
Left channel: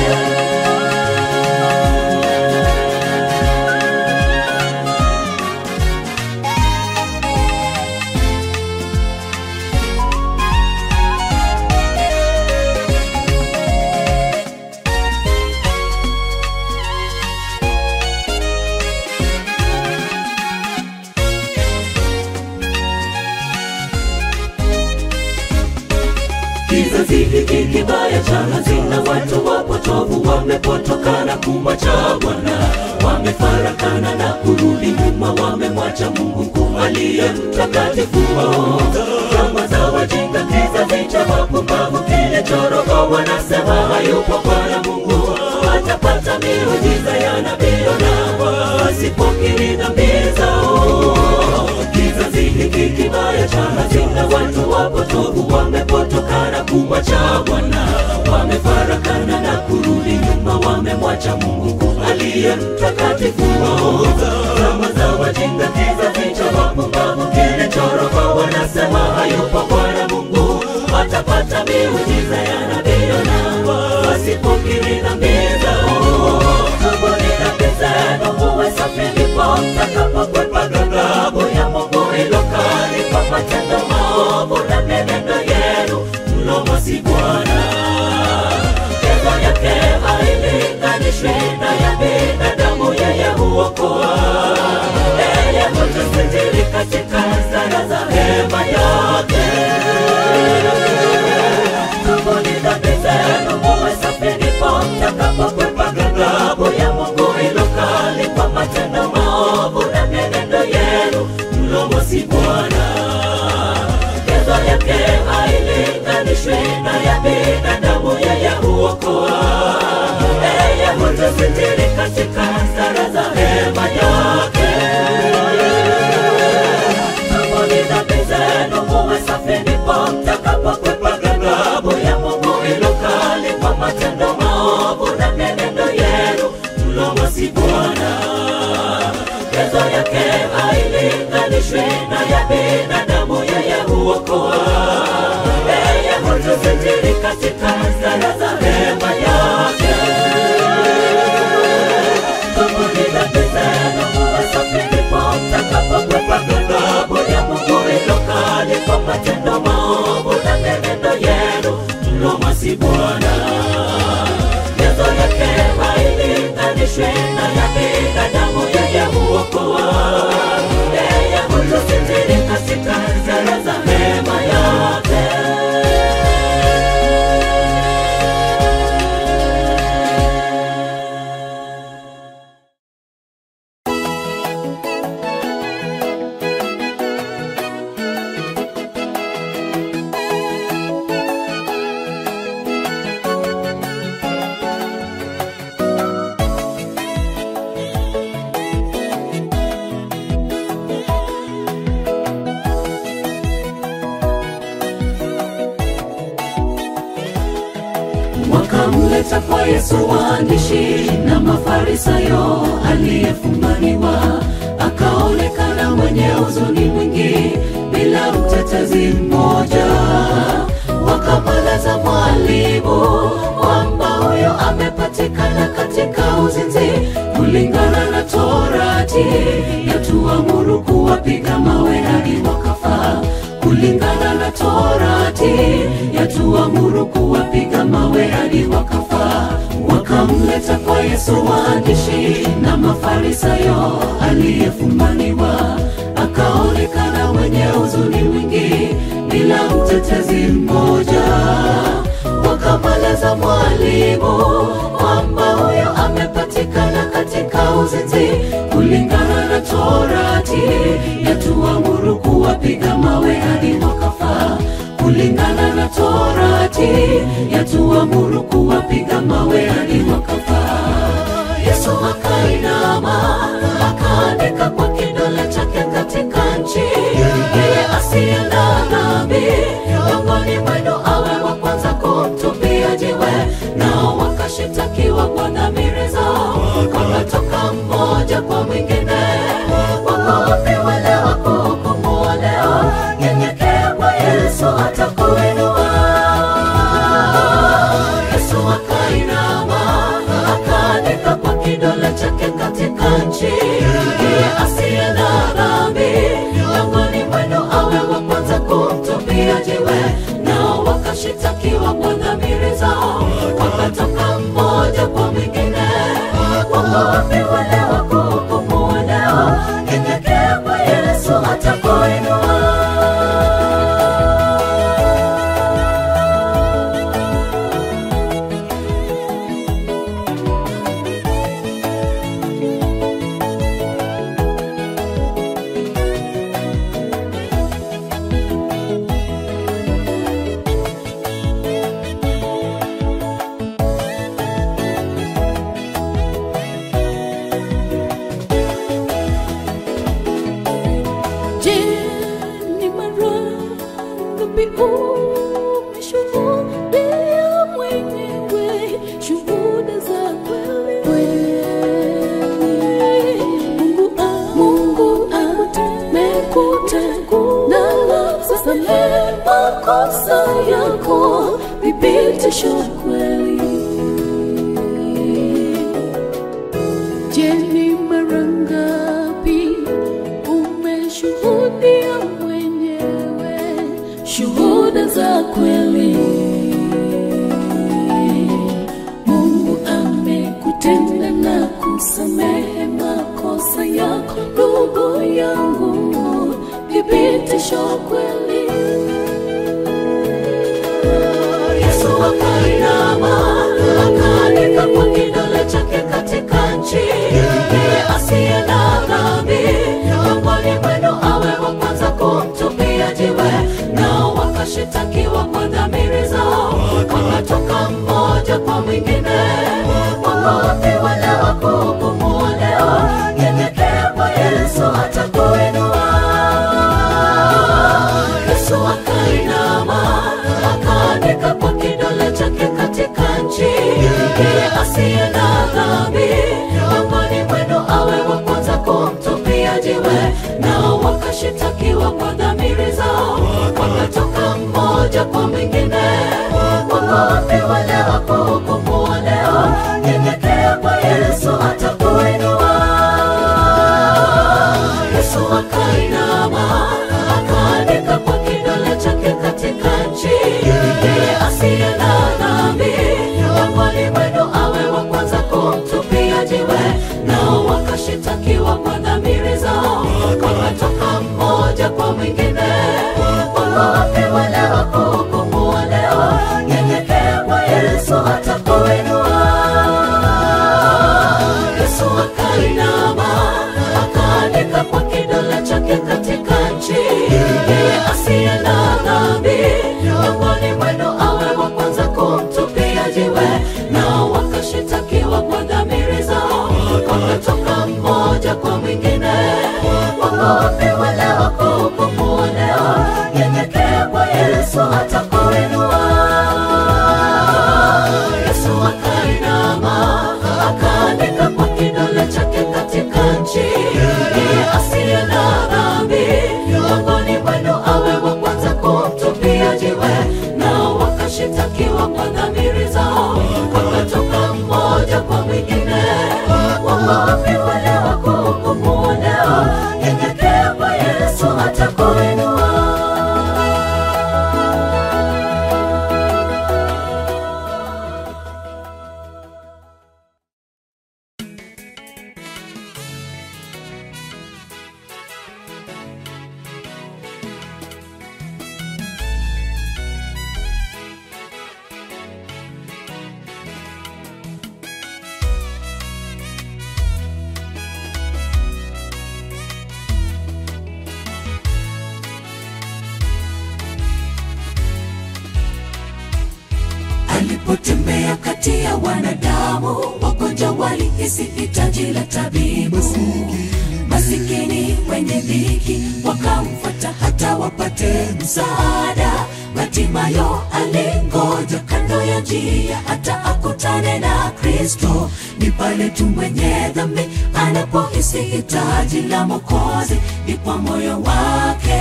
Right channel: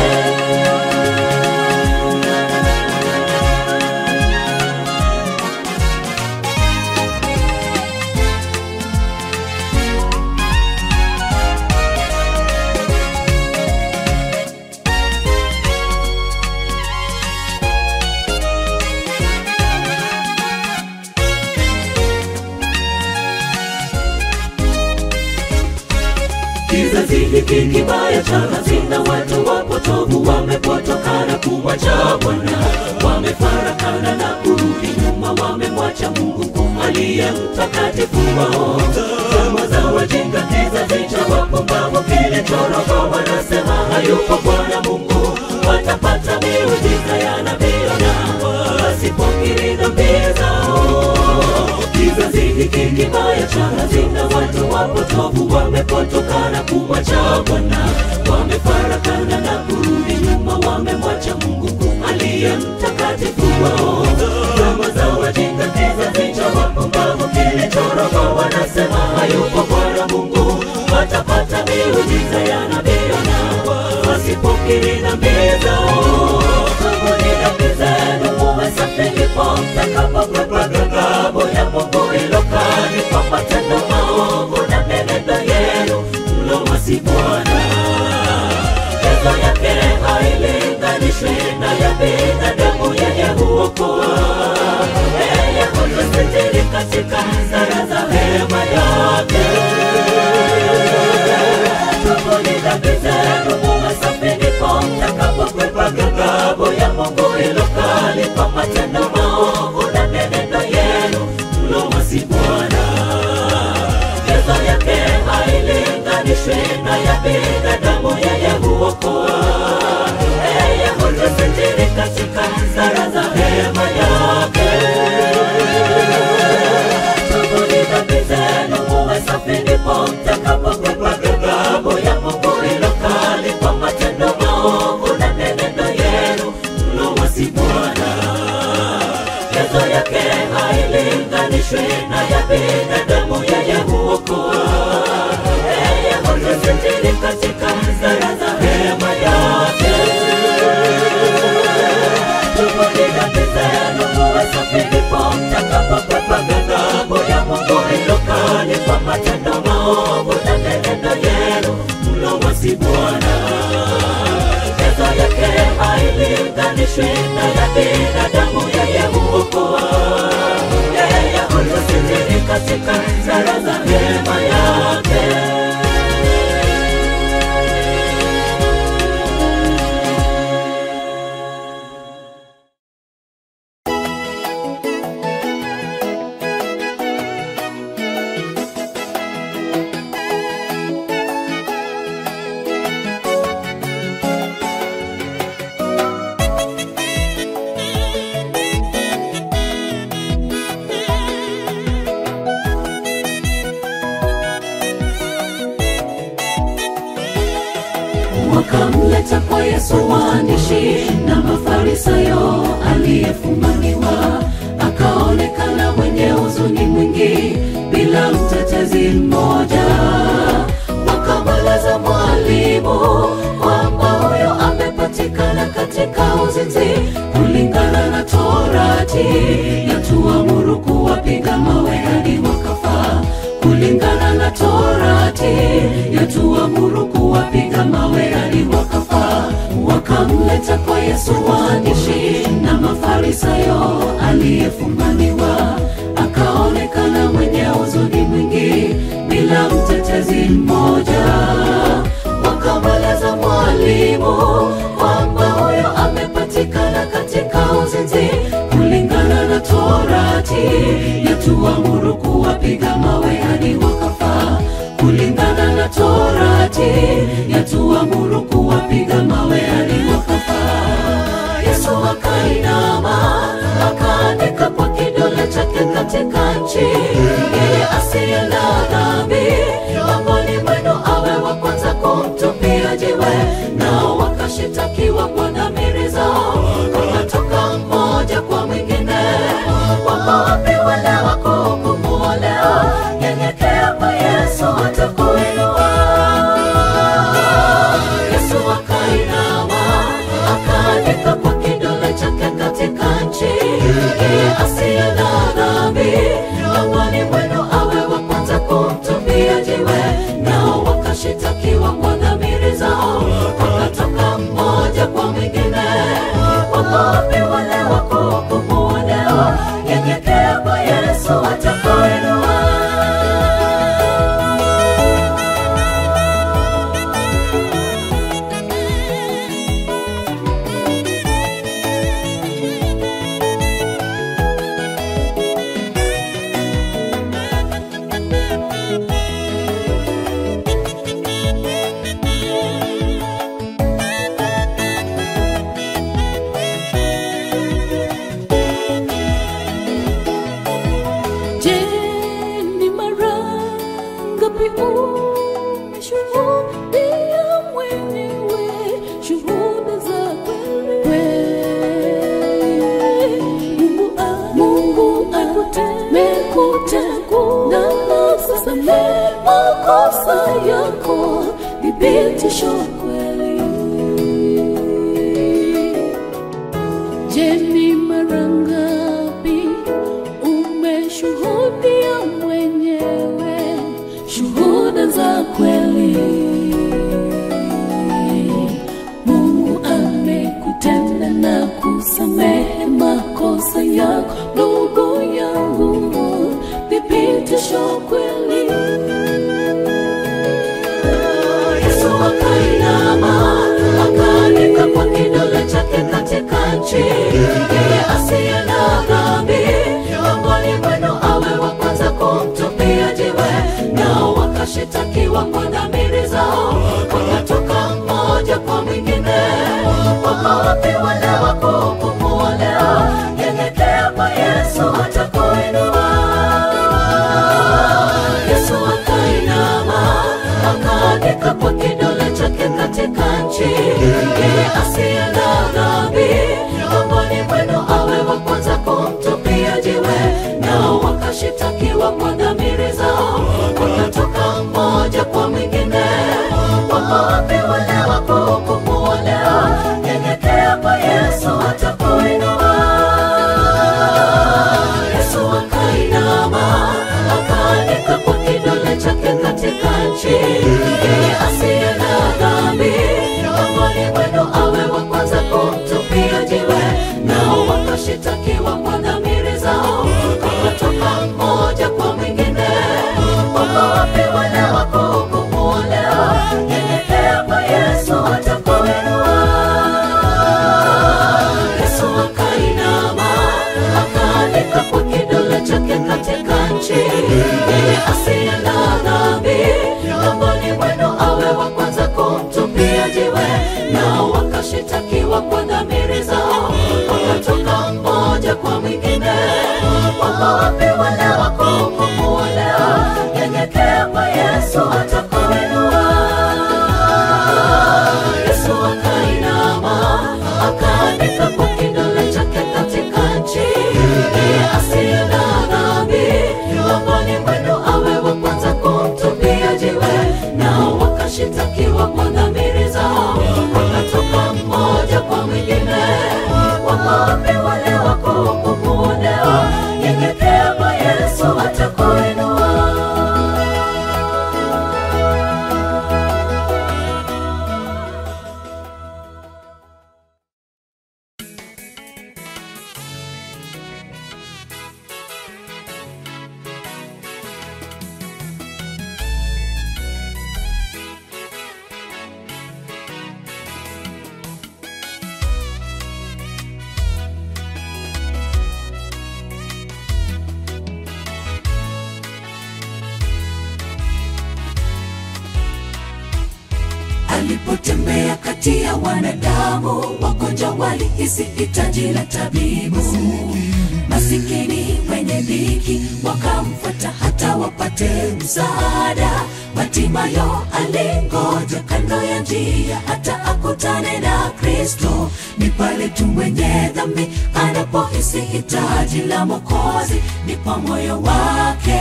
Kizazi hiki kibaya cha hazina, watu wapotovu wamepotoka na kumwacha Bwana, wamefarakana na kurudi nyuma, wamemwacha Mungu mkuu aliye mtakatifu wao. Kama za wajinga, kizazi cha wapumbavu kilichoroka, wanasema hayupo Bwana Mungu, watapata miujiza ya nabii Yona wasipokiri dhambi zao. Kizazi hiki kibaya cha hazina, watu wapotovu wamepotoka na kumwacha Bwana, wamefarakana na kurudi nyuma, wamemwacha Mungu aliye mtakatifu wao. Kama za wajinga, kizazi cha wapumbavu kilichoroka, wanasema hayupo Bwana Mungu, watapata miujiza ya nabii Yona wasipokiri dhambi zao. Sabuni dhambi zenu muwe safi, ndipo mtakapokwepa ghadhabu ya Mungu ilokali kwa matendo maovu na menendo yenu mlomwasi Bwana. Chezo yake hailinganishwi na ya binadamu, yeye huokoa, yeye hutusitiri katika hasara za hema yake. Sabuni dhambi zenu muwe safi, ndipo mtakapokwepa ghadhabu ya Mungu ilokali kwa matendo maovu na menendo yenu mlomwasi Bwana. Chezo yake hailinganishwi na ya binadamu, yeye huokoa, yeye hutusitiri katika hasara za hema yake. Sabuni dhambi zenu muwe safi, ndipo mtakapokwepa ghadhabu ya Mungu ilokali kwa matendo maovu na menendo yenu mlomwasi Bwana. Chezo yake hailinganishwi na ya binadamu, yeye huokoa, yeye hutusitiri katika hasara za hema yake. Sabuni dhambi zenu muwe safi, ndipo mtakapokwepa ghadhabu ya Mungu ilokali kwa matendo maovu na menendo yenu mlomwasi Bwana. Chezo yake hailinganishwi na ya binadamu, yeye huokoa, yeye hutusitiri katika hasara za hema yake. Wakamleta kwa Yesu waandishi na Mafarisayo, aliyefumaniwa akaonekana mwenye huzuni mwingi, bila mtetezi mmoja. Wakamweleza mwalimu kwamba huyo amepatikana katika uzinzi kulingana na Torati, yatuamuru kuwapiga mawe wakapita kwa Yesu waandishi na Mafarisayo aliyefumaniwa, akaonekana mwenye huzuni mwingi bila mtetezi mmoja. Wakamweleza mwalimu kwamba huyo amepatikana katika uzinzi kulingana na Torati, yatuamuru kuwapiga mawe hadi wakafa. Kulingana na Torati, yatuamuru kuwapiga mawe hadi wakafa. Yesu akainama, akaandika kwa kidole chake katika nchi, yeye asiye na dhambi miongoni mwenu awe wa kwanza kumtupia jiwe. Nao wakashitakiwa kwa dhamiri zao, wakatoka mmoja kwa mwingine. Wako wapi wale wakuhukumu leo? Nyenyekea kwa Yesu atakuinua. Yesu akainama, akaandika kwa kidole chake katika nchi, yeye asiye na dhambi miongoni mwenu awe wa kwanza kumtupia jiwe. Nao wakashitakiwa kwa dhamiri zao, wakatoka mmoja kwa mwingine. Wako wapi wale wakuhukumu leo? Nyenyekea kwa Yesu atakuinua. Thibitisho kweli. Je, ni mara ngapi umeshuhudia mwenyewe shuhuda za kweli? Mungu amekutenda na kusamehe makosa yako, ndugu yangu, thibitisho kweli. Akaandika kwa kidole chake katika nchi, yeye asiye na dhambi miongoni mwenu awe wa kwanza kumtupia jiwe. Nao wakashitakiwa kwa dhamiri zao, wakatoka mmoja kwa mwingine. Wako wapi wale wakuhukumu leo? Nyenyekea kwa Yesu atakuinua. Yesu akainama, akaandika kwa kidole chake katika nchi, yeye asiye na dhambi miongoni mwenu awe wa kwanza kumtupia jiwe. Nao wakashitakiwa kwa dhamiri zao, wakatoka mmoja kwa mwingine. Wako wapi wale wakuhukumu leo? Nyenyekea kwa Yesu atakuinua. Yesu akainama, akaandika kwa kidole chake katika nchi, yeye asiye na dhambi miongoni mwenu awe wa kwanza kumtupia jiwe. Nao wakashitakiwa kwa dhamiri zao, wakatoka mmoja kwa mwingine. Wako wapi wale wakuhukumu leo? Nyenyekea kwa Yesu atakuinua. Yesu akainama, akaandika kwa kidole chake katika nchi, yeye asiye na dhambi miongoni mwenu awe wa kwanza kumtupia jiwe. Nao wakashitakiwa kwa dhamiri zao, wakatoka mmoja kwa mwingine. Wako wapi wale wakuhukumu leo? Nyenyekea kwa Yesu atakuinua. Yesu akainama, akaandika kwa kidole chake katika nchi, yeye asiye na dhambi miongoni mwenu awe wa kwanza kumtupia jiwe. Nao wakashitakiwa kwa dhamiri zao, wakatoka mmoja kwa mwingine. Wako wapi wale wakuhukumu leo? Nyenyekea kwa Alipotembea kati ya wanadamu, wagonjwa walihisi hitaji la tabibu. Masikini wenye dhiki wakamfuata hata wapate msaada. Bartimayo alingoja kando ya njia hata akutane na Kristo. Ni pale tu mwenye dhambi anapohisi hitaji la Mwokozi, ni kwa moyo wake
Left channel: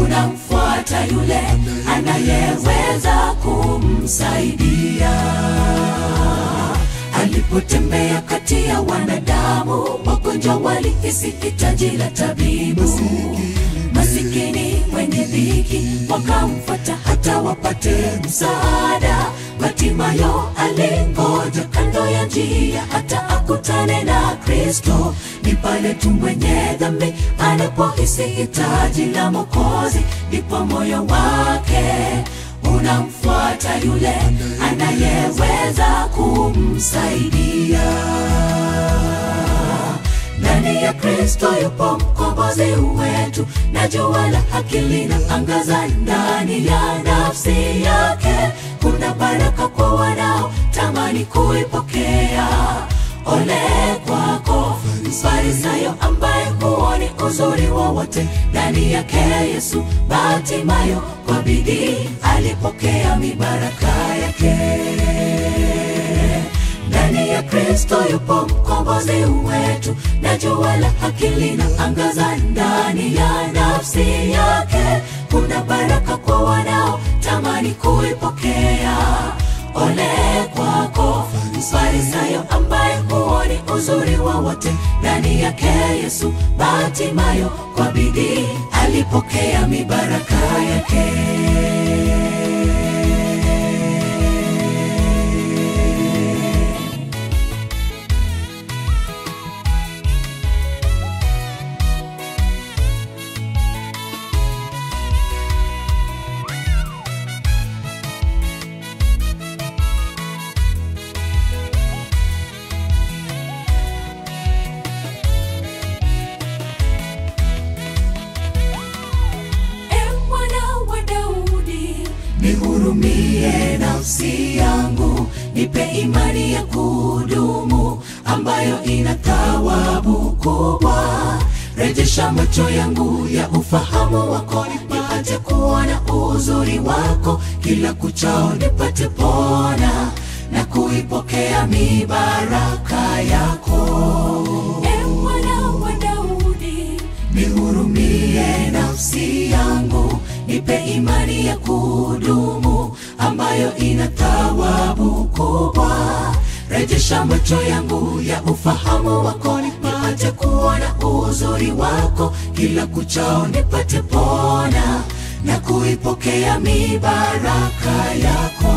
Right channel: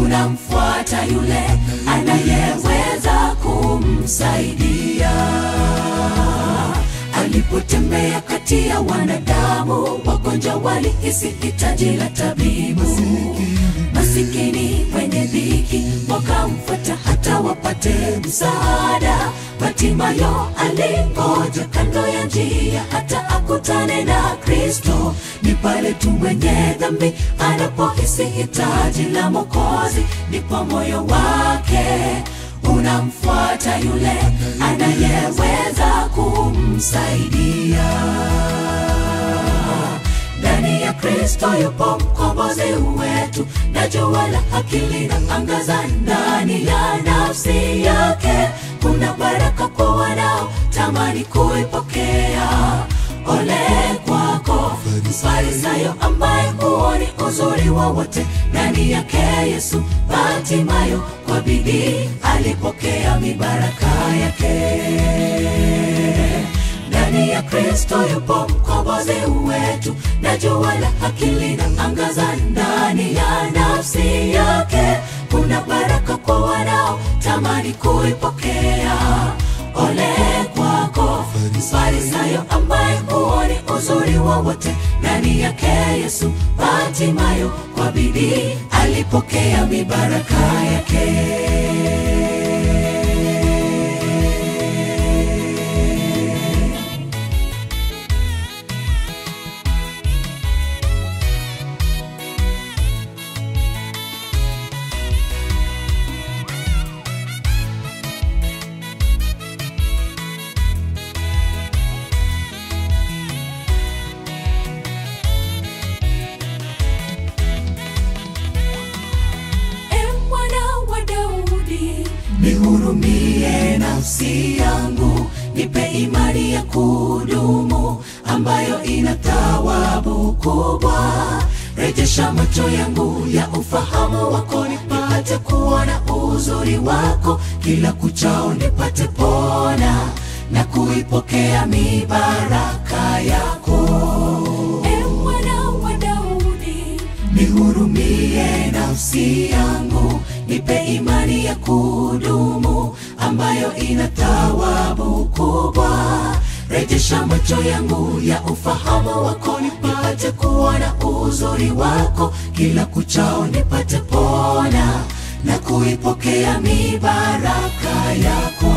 unamfuata yule anayeweza kumsaidia. Alipotembea kati ya wanadamu, wagonjwa walihisi hitaji la tabibu. Masikini wenye dhiki wakamfuata hata wapate msaada. Bartimayo alingoja kando ya njia hata akutane na Kristo. Ni pale tu mwenye dhambi anapohisi hitaji la Mwokozi, ni kwa moyo wake unamfuata yule anayeweza kumsaidia. Ndani ya Kristo yupo mkombozi wetu, na jua la haki linaangaza ndani ya nafsi yake. Kuna baraka kwa wanao tamani kuipokea. Ole kwako Mfarisayo ambaye huoni uzuri wowote ndani yake Yesu. Bartimayo kwa bidii alipokea mibaraka yake. Ndani ya Kristo yupo mkombozi wetu, na jua la haki linaangaza ndani ya nafsi yake. Kuna baraka kwa wanao tamani kuipokea. Ole kwako Mfarisayo ambaye huoni uzuri wowote ndani yake Yesu. Bartimayo kwa bidii alipokea mibaraka yake. Nihurumie nafsi yangu, nipe imani ya kudumu ambayo ina thawabu kubwa. Rejesha macho yangu ya ufahamu wako, nipate kuona uzuri wako. Kila kuchao nipate pona na kuipokea mibaraka yako. Mwana wa Daudi, nihurumie nafsi yangu, nipe imani ya kudumu ambayo ina thawabu kubwa. Rejesha macho yangu ya ufahamu wako, nipate kuona uzuri wako. Kila kuchao nipate pona na kuipokea mibaraka yako.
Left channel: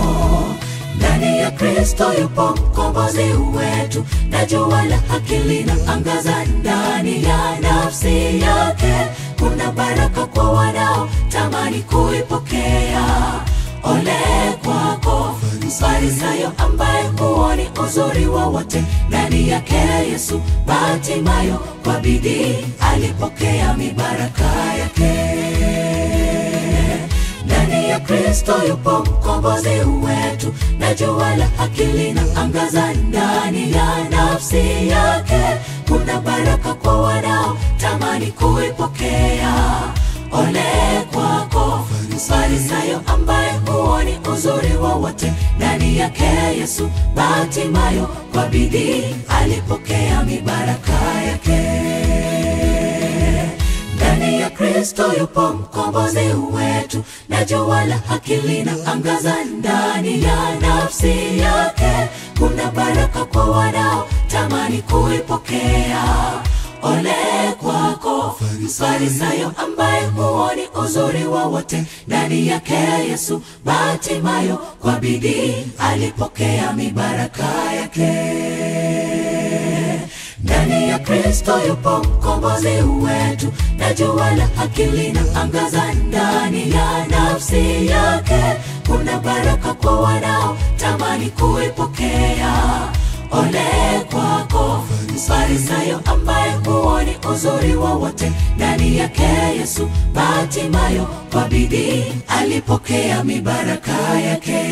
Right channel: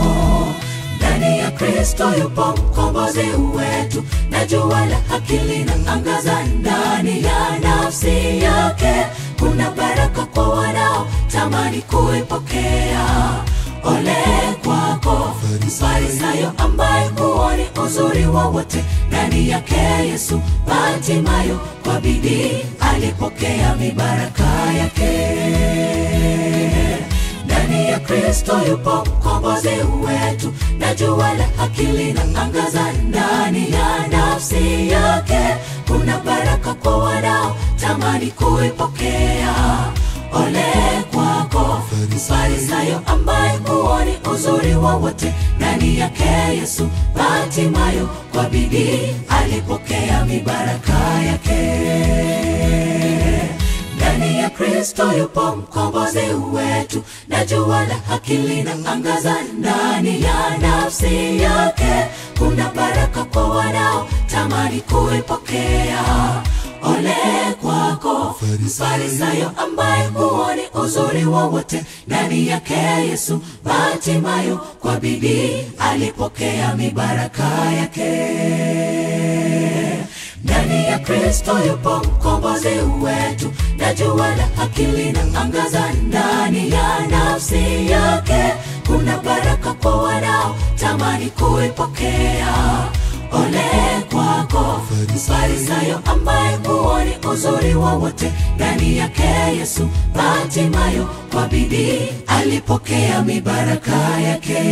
Ndani ya Kristo yupo mkombozi wetu, na jua la haki linaangaza ndani ya nafsi yake. Kuna baraka kwa wanao tamani kuipokea. Ole kwako Mfarisayo ambaye huoni uzuri wowote ndani yake Yesu. Bartimayo kwa bidii alipokea mibaraka yake. Ndani ya Kristo yupo mkombozi wetu, na jua la haki linaangaza ndani ya nafsi yake. Kuna baraka kwa wanao tamani kuipokea. Ole kwako Mfarisayo ambaye huoni uzuri wowote ndani yake Yesu. Bartimayo kwa bidii alipokea mibaraka yake. Ndani ya Kristo yupo mkombozi wetu, na jua la haki linaangaza ndani ya nafsi yake. Kuna baraka kwa wanao tamani kuipokea. Ole kwako Mfarisayo ambaye huoni uzuri wowote ndani yake Yesu. Bartimayo kwa bidii alipokea mibaraka yake. Ndani ya Kristo yupo mkombozi wetu, na jua la haki linaangaza ndani ya nafsi yake. Kuna baraka kwa wanao tamani kuipokea. Ole kwako Mfarisayo ambaye huoni uzuri wowote ndani yake Yesu. Bartimayo kwa bidii alipokea mibaraka yake.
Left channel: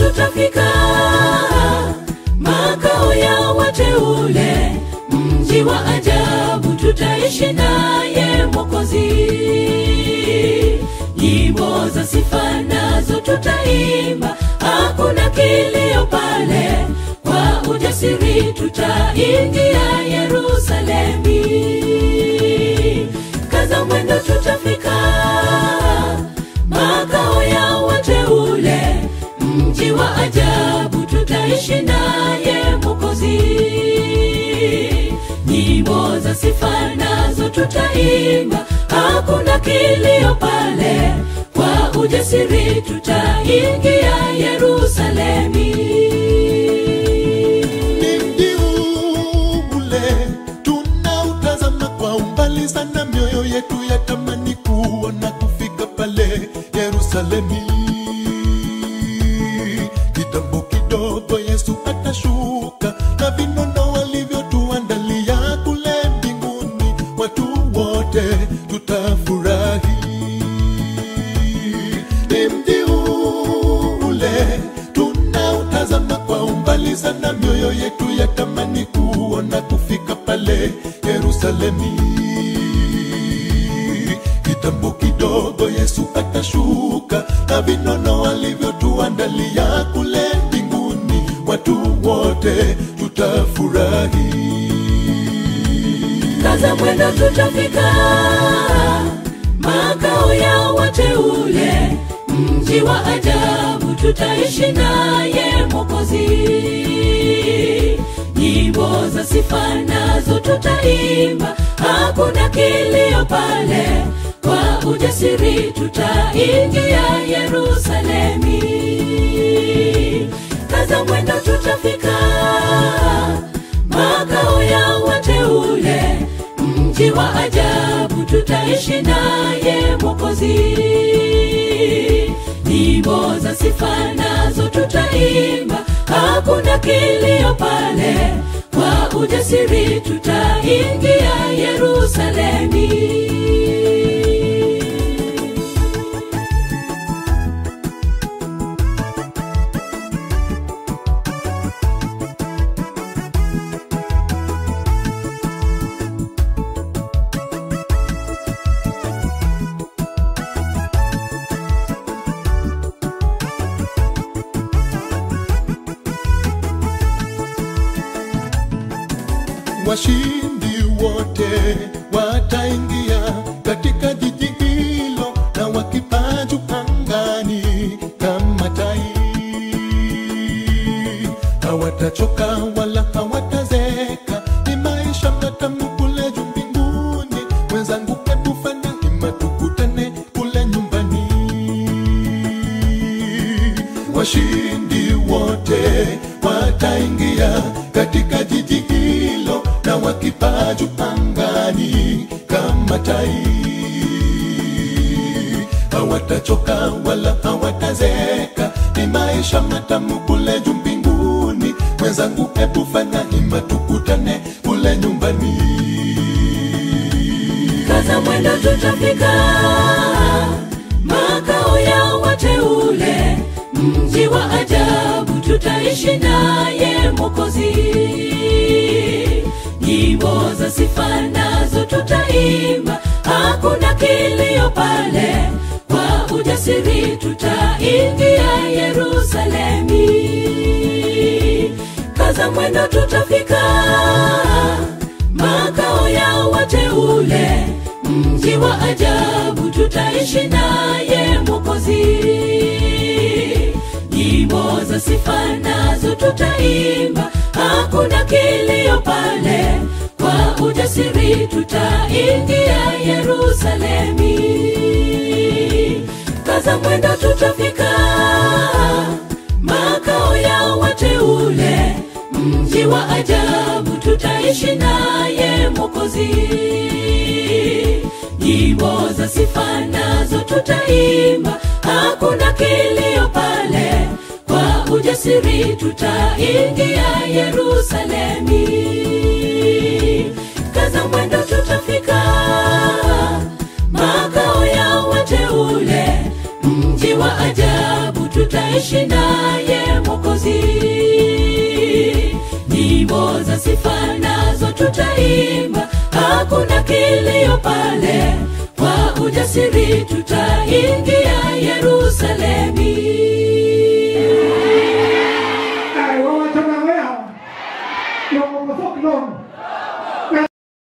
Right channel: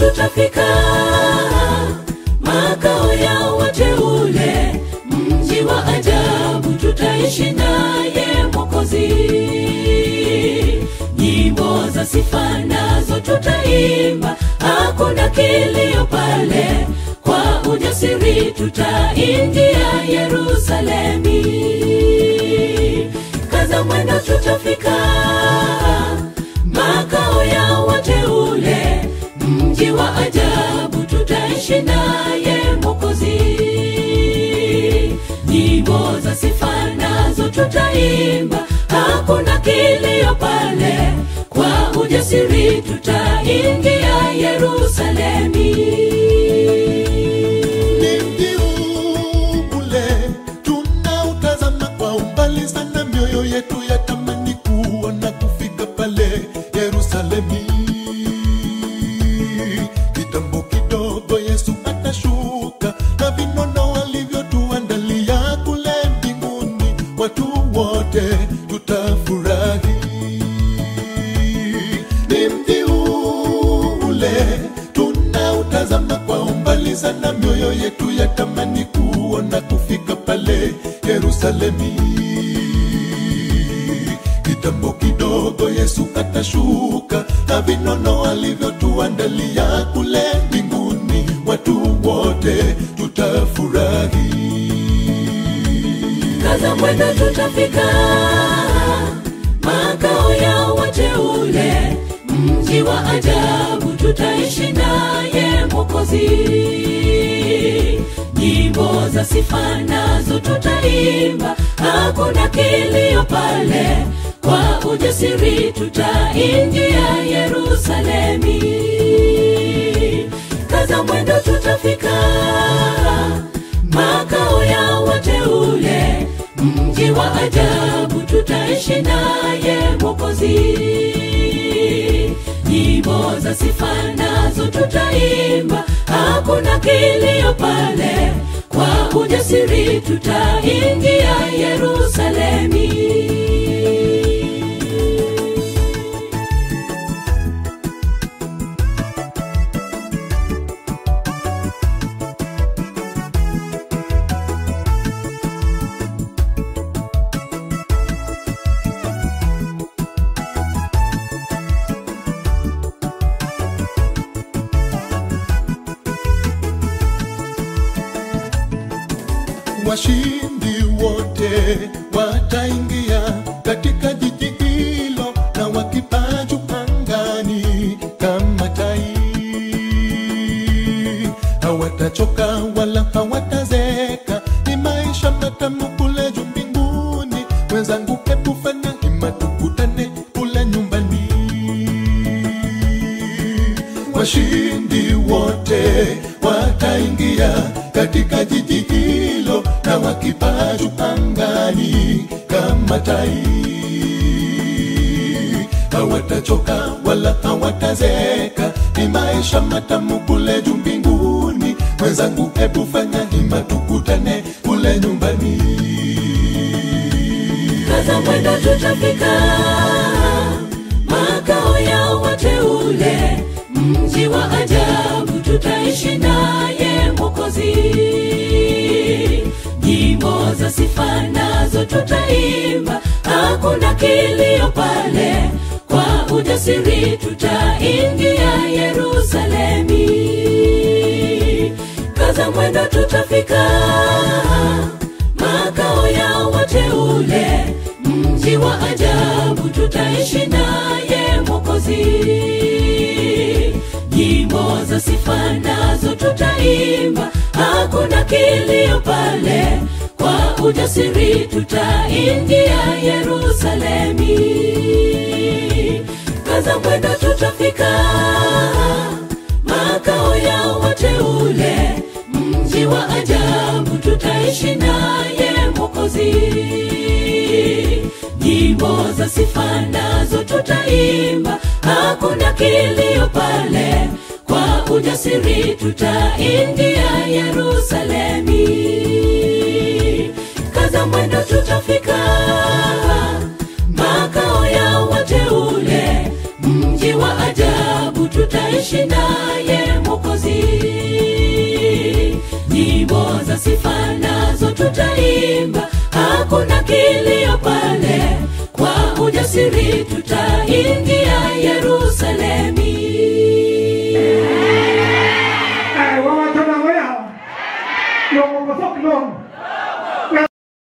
tutafika makao ya wateule, mji wa ajabu tutaishi naye Mwokozi. Nyimbo za sifa nazo tutaimba, hakuna kilio pale, kwa ujasiri tutaingia Yerusalemi. Kaza mwendo tutafika makao ya wateule, mji wa ajabu tutaishi naye Mwokozi. Nyimbo za sifa nazo tutaimba, hakuna kilio pale, kwa ujasiri tutaingia Yerusalemi. Ni mji ule tunautazama kwa umbali sana, mioyo yetu yatamani kuona kufika pale Yerusalemi. Kitambo kidogo Yesu atashuka, na vinono alivyotuandalia kule mbinguni, watu wote tutafurahi. Ni mji ule tunautazama kwa umbali sana, mioyo yetu yatamani kuona kufika pale Yerusalemi. Kitambo kidogo Yesu atashuka, na vinono alivyotuandalia kule mbinguni, watu wote tutafurahi. Kaza mwendo tutafika makao ya wateule, mji wa ajabu tutaishi naye Mwokozi. Nyimbo za sifa nazo tutaimba, hakuna kilio pale, kwa ujasiri tutaingia Yerusalemi. Kaza mwendo tutafika makao ya wateule, mji wa ajabu tutaishi naye Mwokozi. Nyimbo za sifa nazo tutaimba, hakuna kilio pale, kwa ujasiri tutaingia Yerusalemi. Washindi wote wataingia katika jiji hilo, na wakipaa juu angani kama tai. Hawatachoka wala hawatazeka, ni maisha matamu kule juu mbinguni. Mwenzangu, hebu fanya hima tukutane kule nyumbani. Washindi wote wataingia katika jiji hilo, na wakipaa juu angani kama tai. Hawatachoka wala hawatazeka, ni maisha matamu kule juu mbinguni. Mwenzangu, hebu fanya hima tukutane kule nyumbani. Kaza mwendo tutafika makao ya wateule, mji wa ajabu tutaishi naye Mwokozi. Nyimbo za sifa nazo tutaimba, hakuna kilio pale, kwa ujasiri tutaingia Yerusalemi. Kaza mwendo tutafika makao ya wateule, mji wa ajabu tutaishi naye Mwokozi. Nyimbo za sifa nazo tutaimba, hakuna kilio pale, kwa ujasiri tutaingia Yerusalemi. Kaza mwendo tutafika makao ya wateule, mji wa ajabu tutaishi naye Mwokozi. Nyimbo za sifa nazo tutaimba, hakuna kilio pale, kwa ujasiri tutaingia Yerusalemi.